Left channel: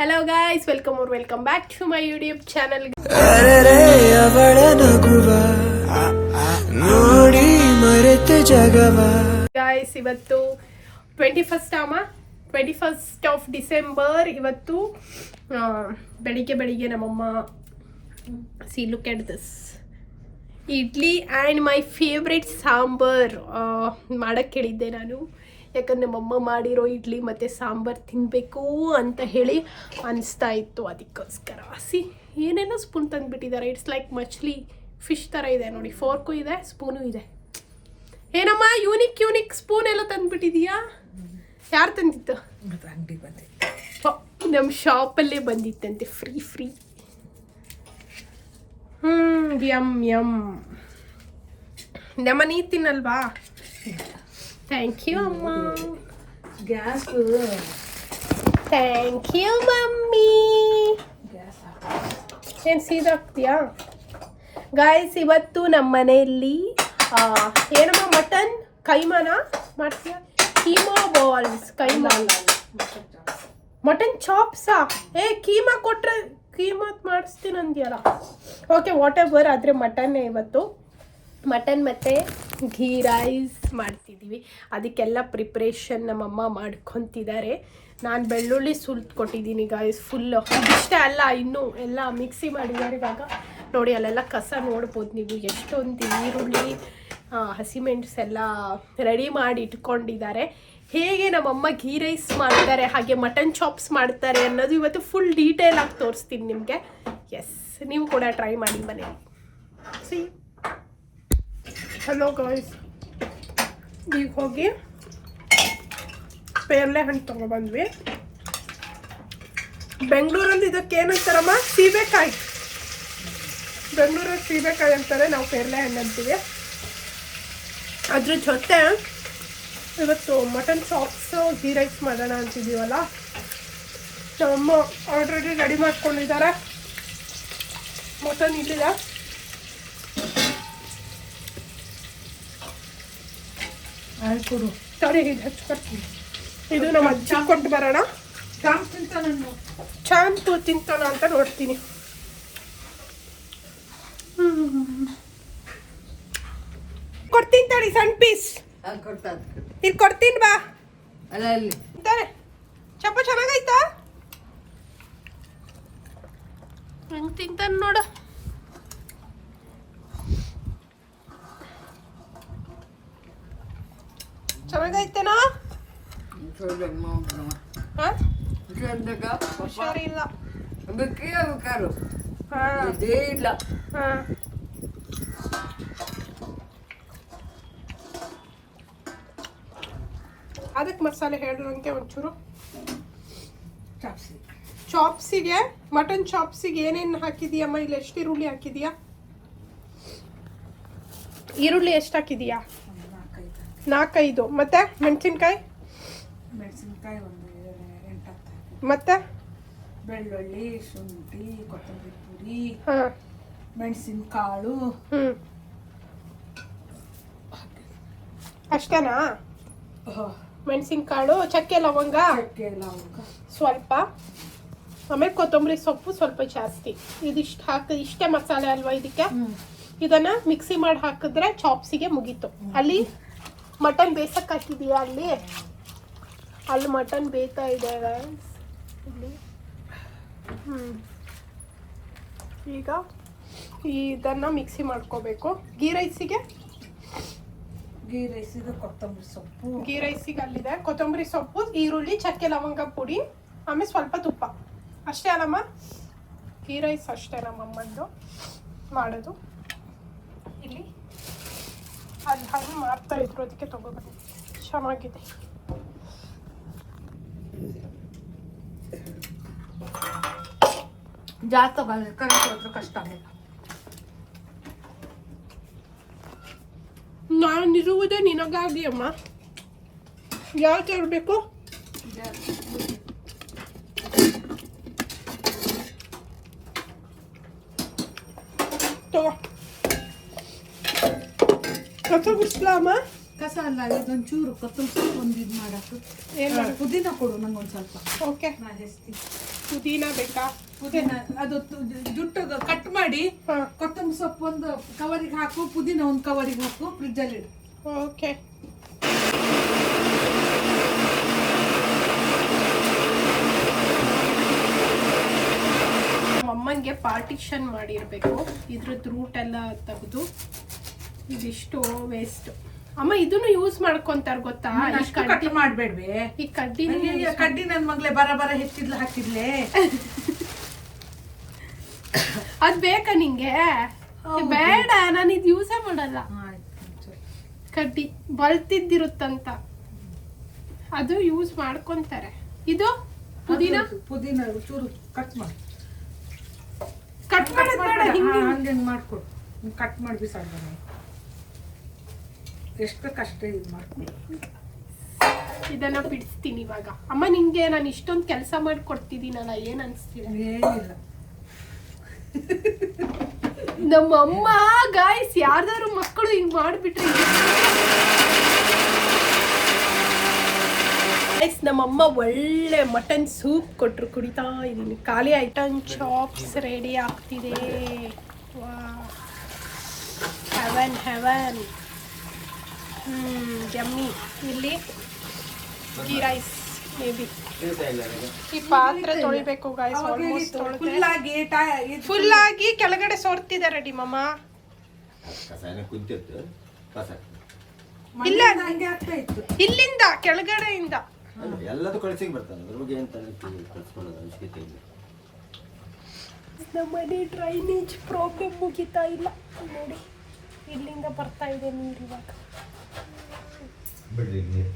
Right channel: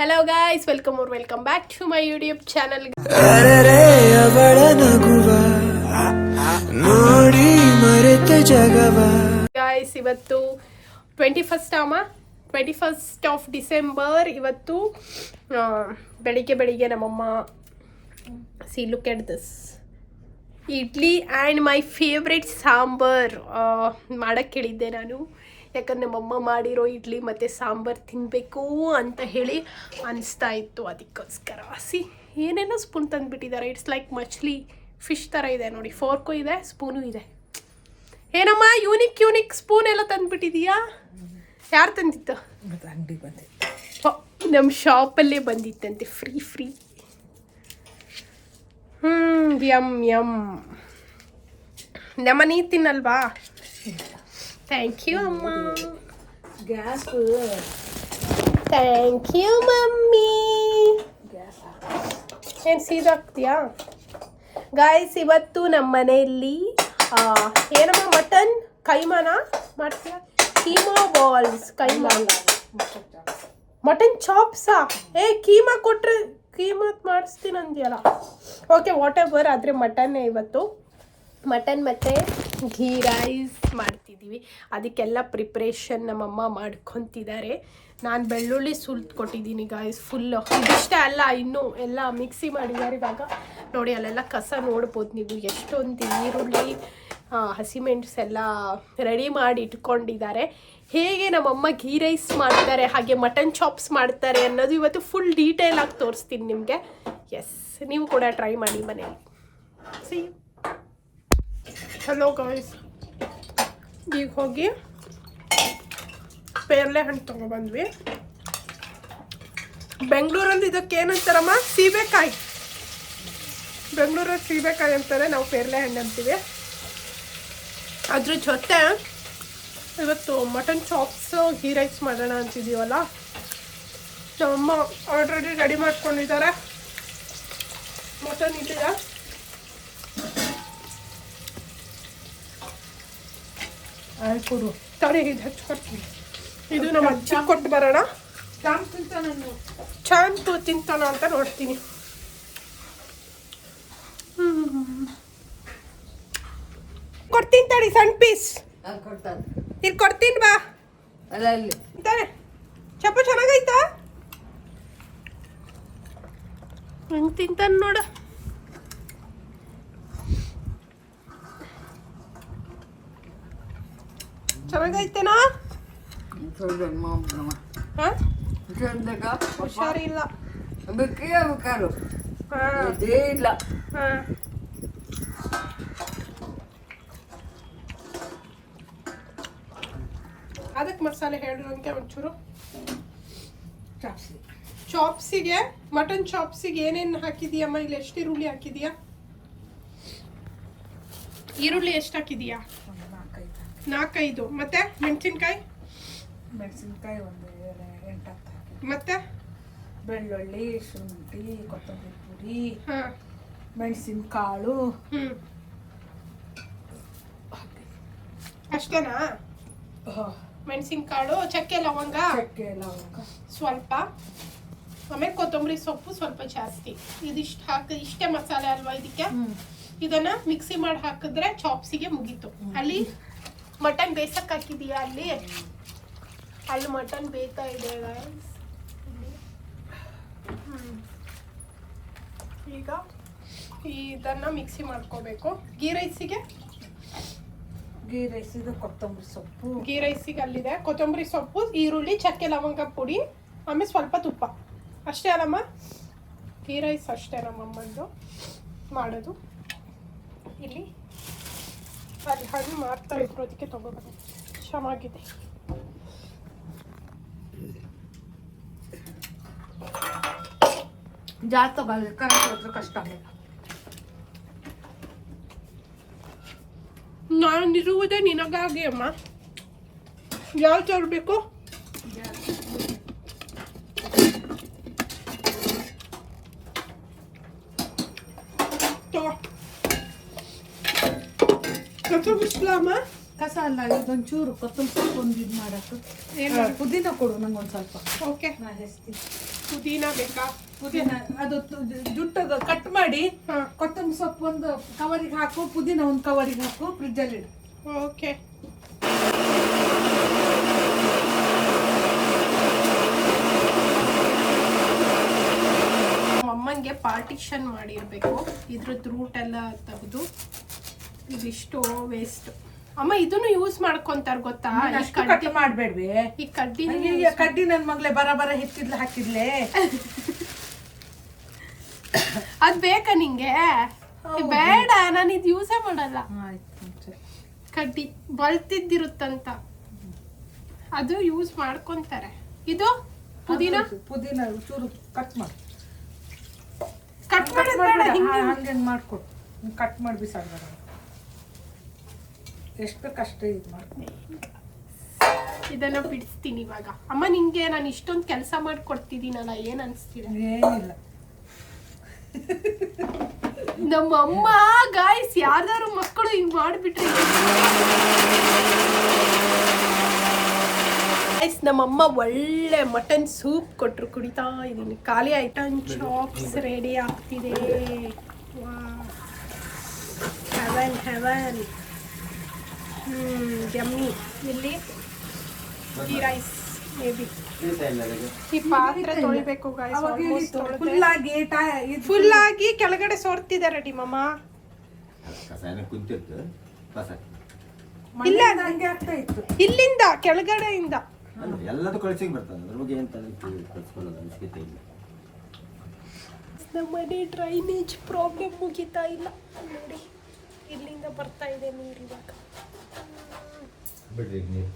Hello guys, welcome back to my YouTube channel. ಅವಳ ನಗುವ ನೋಡಿ ಮರೆತೆ ಜಗವ. Guys, ಇವತ್ತು 21st of December. ಇವತ್ತು ಬೆಳಿಗ್ಗೆ ನಮ್ಮಮ್ಮ see look at this idli and my favourite sambar ಮಾಡೋಕ್ಕೆ ಹೇಳಿದ್ದೆ ನಾನು. ಯಾಕಂದರೆ ನಮ್ಮಮ್ಮ ಮಾಡಿರೋ ಇಡ್ಲಿ ಮತ್ತು ಸಾಂಬಾರು ತಿನ್ನಬೇಕು ಅಂತ ಹೇಳಿ ಅನಿಸ್ತಾ ಇತ್ತು. ಅದಕ್ಕೋಸ್ಕರ ಏನೇನೋ ಸ್ಪೂನ್ ತಂದುಬಿಟ್ಟಿದ್ದಾರೆ. ಇಟ್ಸ್ ಲೈಕ್ ಮಚ್ಲಿ ಫಿಶ್ ಥರ ಇದೆ ನೋಡಿ. ಫೋರ್ಕು ಇದೆ, ಸ್ಪೂನು ಇದೆ. ಏನಮ್ಮ ಯೂನಿಕ್ ಸ್ಪೂನ್ ಎಲ್ಲ ತಂದುಬಿಟ್ಟಿದೀಯಾ? ಯಾರು ತಂದಿತ್ತು? ನಮ್ಮ ಶಾಪಲ್ಲೇ ಬಂದಿತ್ತಂತೆ ಫ್ರೀ. ಯಮ್ ನಮ್ಮ ನೀ ತಿನ್ನಲ್ವಾ? ಥ್ಯಾಂಕ್ ಯು ಅಮ್ಮ. Thank you mummy. ಏನು ಸೀದಾಗ್ತೀಯಾ? ಗಾಯ್ಸ್, ಇವತ್ತು ನಮ್ಮ ಮನೆಯಲ್ಲಿ ಏನಮ್ಮ ಮಟನ್ ಕೈಮಾನ ಮಾಡ್ತೀಯಾ? ಕೀಮಾ ಬಾಲ್ಸ್, ಕೈಮಾ ಮಟನ್ ಚಾಪ್ಸಾ? ಕೀಮಾ ಕೊಟ್ಟರೆ ಕೀಮಾತ್ ಮಾಡಿಸ್ತೀನಿ ಅಂದ್ಯಲ್ಲ. Okay, what ever. ಆದರೆ ಮಟನ್ನೇ ಇವತ್ತು. ಮಟನ್ ಮತ್ತು ಘೀ ರೈಸ್ ಮಾಡ್ತಿದ್ದೀವಿ. ಅದಕ್ಕೆಲ್ಲ ಪ್ರಿಪ್ರೇಷನ್ ನಮ್ಮಮ್ಮ ಮಾಡ್ಕೊತಿದ್ದಾರೆ. ನಾನು ಬೆಳ್ಳುಳ್ಳಿ ಸುಲ್ತು ಕೊಟ್ಟಿದ್ದೀನಿ ಗಾಯ್ಸ್ ಫುಲ್ಲು. ಇದಿಷ್ಟೇ ಅಲ್ಲ, ಇನ್ನೂ ಎಲ್ಲ ಮಿಕ್ಸಿ ಮಾಡಿದ್ದಾರೆ. ಇವಾಗ ನೋಡಿ, ಅಲ್ಲೆಲ್ಲ ಕಸ ನೋಡ್ಬೋದು ನೀವು. ಎಷ್ಟೊಂದು ಈರುಳ್ಳಿ ಹಸಿಮೆಣಸು ಎಲ್ಲ ರೆಡಿ ಮಾಡಿ ಇಟ್ಕೊಂಡಿದ್ದಾರೆ. ಹೇಗೆ ನಮ್ಮಮ್ಮ ಘೀ ರೈಸ್ ಮಾಡ್ತಾರೆ, ಹಾಗೆ ಮಟನ್ ಚಾಪ್ಸ್ ಮಾಡ್ತಾರೆ ಅನ್ನೋದು ಇವತ್ತು ಫುಲ್ ಡೀಟೇಲಾಗಿ ತೋರಿಸ್ತೀನಿ ನಿಮಗೆ. ಎಸ್, ನೀವು ಕೂಡ ಟ್ರೈ ಮಾಡಿ ಮನೆಯಲ್ಲಿ. ಸಿ ಹಲೋ ಗಾಯ್ಸ್, ಈಗ ಹೋಗಿ ಪೇರ್ಲೆ ಹಣ್ಣು ತೊಗೊಬಂದ್ವಿ. ಬೆಂಗಳೂರಲ್ಲಿ ಇದಕ್ಕೆ ಏನಂತಾರಮ್ಮ? ಸೀಬೆಕಾಯಿ. ಬೆಂಗಳೂರಲ್ಲಿ ಸೀಬೆಕಾಯಿ ಅಂತಾರೆ, ನಾವು ಪೇರ್ಲೆ ಹಣ್ಣು ಅಂತೀವಿ. ಅದ್ರ ಜೊತೆ ಇವತ್ತು ಮಟನ್ ಚಾಪ್ಸು ಘೀ ರೈಸ್ ಮಾಡೋಣ ಅಂತಿದ್ದೀವಲ್ಲ. ನಮ್ಮಮ್ಮ ಆಲ್ರೆಡಿ ರೆಡಿ ಮಾಡ್ಕೊಂಡಿದ್ದಾರೆ. ಮಟನ್ ಇದೆಯಾ? ಸರಿ, ಇದು ಹಚ್ಕೊಡ್ತೀನಿ. ಇದು ನಮ್ಮ ಅಜ್ಜಿ ಕೊಟ್ಟು ಬರೋಣ. ಚಾಂಪು ತಿಂತಾನ ಅಂತ ನೋಡ್ತೀನಿ. ಕೊಡ್ತೀನಿ ತಡಿ, ಸಣ್ಣ ಪೀಸ್ ಇಲ್ಲಿ ಕೊಡ್ತೀನಿ ಬಾ. ಅಂತಾರೆ ಚಪ್ಪು ಚೆನ್ನಾಗೈತಾ? ಹೆಂಗೆ ತಿಂತಾನೆ ನೋಡು. ಚೆನ್ನಾಗೈತೇನಾ? ಹುಷಾರಿಲ್ಲ. ಅದಕ್ಕೆ ಮಸಾಲೆ ಹೇಳಿರಂತೆ ಒಂಚೂರು. ಚಾಪ್ಸಿಗೆ, ಮಟನ್ ಚಾಪ್ಸಿಗೆ ಏನೇನು ಹಾಕಿದೀಯಮ್ಮ? ಇಲ್ಲಿ ಎಷ್ಟು ಈರುಳ್ಳಿ ಹಾಕಿದೀಯಾ? ಈರುಳ್ಳಿ ಎಷ್ಟು ಹಾಕಿದೀಯಾ? 4-5. ಮತ್ತೆ ಮೆಣಸಿನ್ಕಾಯಿ ಒಂದು 8. ಮತ್ತೆ ಬೆಳ್ಳುಳ್ಳಿ, ಶುಂಠಿ, ಕೊತ್ತಂಬರಿ ಪುರಿ, ಮೆಣಸಿನಕಾಳು. ಅಷ್ಟೇನಾ? ಮೆಣಸಿನಕಾಳು, ಚಕ್ಕೆ ಲವಂಗ ಸ್ವಲ್ಪ, ಆಮೇಲೆ ಕೊತ್ತಂಬರಿ ಸೊಪ್ಪು ಸ್ವಲ್ಪ ಜಾಸ್ತಿ. ಇದಿಷ್ಟು ಹಾಕಿ, ಇಷ್ಟೇ ಮಸಾಲೆ ಅಲ್ವಾ ಇದಕ್ಕೆ? ಇದನ್ನ ಮಿಕ್ಸಿ ಮಾಡಿ ಹಾಕಿದ್ರೆ ಚಾಪ್ಸಿಗೆ ಮುಗೀತು. ಅಲ್ಲಿ ಮಟನ್ ಬೇಯಿಸಕ್ಕೆ ಹಾಕಿದೀಯಾ? ಅಲ್ಲಿ ಮಟನ್ ಬೇಯ್ತಾ ಇದೆ. ಈಗ ಇದನ್ನ ಮಿಕ್ಸಿ ಮಾಡ್ಕೋಬೇಕು. ಗೀ ರೈಸಿಗೆ ಕೊತ್ತಂಬರಿ ಸೊಪ್ಪು. ಗೀ ರೈಸಿಗೆ ಅಲ್ಲಿದೆ ಕೊತ್ತಂಬರಿ ಸೊಪ್ಪು, ಈರುಳ್ಳಿ, ಚಕ್ಕೆ ಲವಂಗ ಪುಡಿ, ಆಮೇಲೆ ಸ್ವಲ್ಪ ತುಪ್ಪ. ಅಷ್ಟೇ ಅಲ್ಲಮ್ಮ? ಗೀ ರೈಸ್ ಅಷ್ಟೇ ನಮ್ಮಮ್ಮಂದು ಮಾಡೋದು. ಇಲ್ಲಿ ಅಲ್ಲಿ ಹಣ್ಣು ಮಾರ್ತಾ ಇದ್ರು, ಅದಕ್ಕೆ ತಗೋಬಂದು. ಚೆನ್ನಾಗಿದೆ. ಜಾಸ್ತಿ ತಗೊಳ್ಳಿ, ಕಷ್ಟ ಆಗಲ್ಲ. ನಾನಿರುವುದೇ ನಿನಗಾಗಿ ಅಮ್ಮ. ಯಾವ್ದು ತರಬೇಕು? ತಗೋ. ಕಸ ಗುಡಿಸ್ಲಾಮ? ಕಸ ಅಲ್ಲ, ಇದೊಂಚೂರು ಕೊತ್ತಂಬರಿ ಸೊಪ್ಪು ಒಂದು ಇದು ಮಾಡಕ್ಕೆ. ಪುದೀನ ಕೊಡು ನಂಗೆ ಒಂದು ಸ್ವಲ್ಪ. ಓಕೆ, ನಾನು ಹೆಸ್ತೀನಿ. ಪುದೀನ ಬೇಕಾ? ಪುದೀನ ಅದು ಜುಟ್ಟು ಕಟ್ ಮಾಡಿ ಹಾ. ಕೊತ್ತಂಬರಿ ಸೊಪ್ಪು ಒಂದು ಕವರಿಗೆ ಹಾಕು, ಪುದೀನ ಒಂದು ಕವರಿಗೆ ಹಾಕು, ಫ್ರಿಜ್ಜಲ್ಲಿ ಇಡು. ಓಕೆ. ನಮ್ಮಮ್ಮಂಗೆ ಪಾರ್ಟಿಷನ್ ಮಾಡಿರ್ಬೇಕು. ಇದ್ರದ್ದು ರೂಟ್ ಎಲ್ಲ ತೆಗೆದು ಇದಿಷ್ಟು ವೇಸ್ಟ್. ಅಮ್ಮ ಇದನ್ನು ಯೂಸ್ ಮಾಡ್ಕೊಂತಾರ ಗೊತ್ತಾ? ಈ ಕಟ್ ಮಾಡ್ಬೇಡ್ವಿ. ಈ ಕಡ್ಡಿ ಕಡ್ಡಿ ನನ್ ಮಗ್ಲೆ ಬರ ಹೆಚ್ಚಿದ್ಲು ಹಾಕಿದ್ಲೆ. ಅದ್ ಬೇಕಾ ನಿಂಗೆ? ಬೇಡ, ನಾನು ಇದು ಯೂಸೇ ಮಾಡಲ್ಲ. ಕಡ್ಡಿ ಬಲ್ತಿದ್ದಿರುತ್ತಂತ ಅದು ಯೂಸ್ ಮಾಡ್ಕೊಂತಾರೆ. ಇದು ಪುದೀನ ಚೂರು ಕಟ್ ಮಾಡಿ ಬೇಡ, ಹಂಗೆ ಮಾಡ್ಕೊಡು. ಕಟ್ ಮಾಡಿ ಬಿಸಾಡ, ಎಷ್ಟು ಬೇಕಷ್ಟೇ ಇದು ಮಾಡ್ಕೊಡು. ಇದನ್ನ ಬಿಡಿಸ್ತೀನಿ ಇವಾಗ. ಅಮ್ಮ ನಿಂಗೆ ನಾನು ಇಷ್ಟೊಂದು ಕೆಲಸ ಮಾಡ್ಕೊಡ್ತಿದ್ದೀನಲ್ಲ, ಏನ್ ಅನ್ಸ್ತಿದೆ? ಏನಿಲ್ಲ. ನಮ್ಮಮ್ಮ ಗಾಯ್ಸ್ ಯಾರ್ದಾರು ಮಕ್ಕಳು ಹಿಂಗ್ ಮಾಡ್ಬಿಟ್ರೆ ಗೈಸ್, ನಮ್ಮಮ್ಮ ಒಳ್ಳೆ ಮಟನ್ ಸೂಪ್ ಕೊಟ್ರು, ಕುಡಿತಾ ಇದೀನಿ. ಖಾಲಿ ಐಟಮ್ ಚಾಪ್ಸ್ ರೆಡಿ ಆಗ್ತಿದೆ. Heaven heaven. ಜಮ್ಮಿ. ಇಲ್ಲಿ ಗೀ ರೈಸ್ ಮೇ ಬಿ. ಈ ಪಾತ್ರೆ ತೊಳಿಬೇಕು ಗಾಯ್ಸ್. ಆಲ್ಮೋಸ್ಟ್ ಫುಲ್ ಆಗಿ ಕೆಳಗಡೆ ಸೋರ್ತಿದ್ದಾರೆ ರೆಡಿ ಮಮ್ಮ. ಇಲ್ಲ, ಇಲ್ಲಿಂದ ಕೆಳಗಡೆಯಿಂದ ಎಲ್ಲದೂ ಕಳಿಸಿಗೆ ಬರ್ತಾನೆ. ಅದ್ರ ಬಗ್ಗೆ ಏನು ಕಳ್ಸ್ಕೊಳ್ಳೋದು ಅವಶ್ಯಕತೆ ಇಲ್ಲ. ನಮ್ಮ ಮನೆ ಡ್ರೈನೇಜ್ ಪ್ರಾಬ್ಲಮ್ ಮುಗಿತಾ ಇಲ್ಲ ನೋಡಿ. ಇಲ್ಲಿಂದ ಬರ್ತಾ ಇದೆ ನೀರು ಇವಾಗ. ಬಿಡ್ರಿ ನೀರು.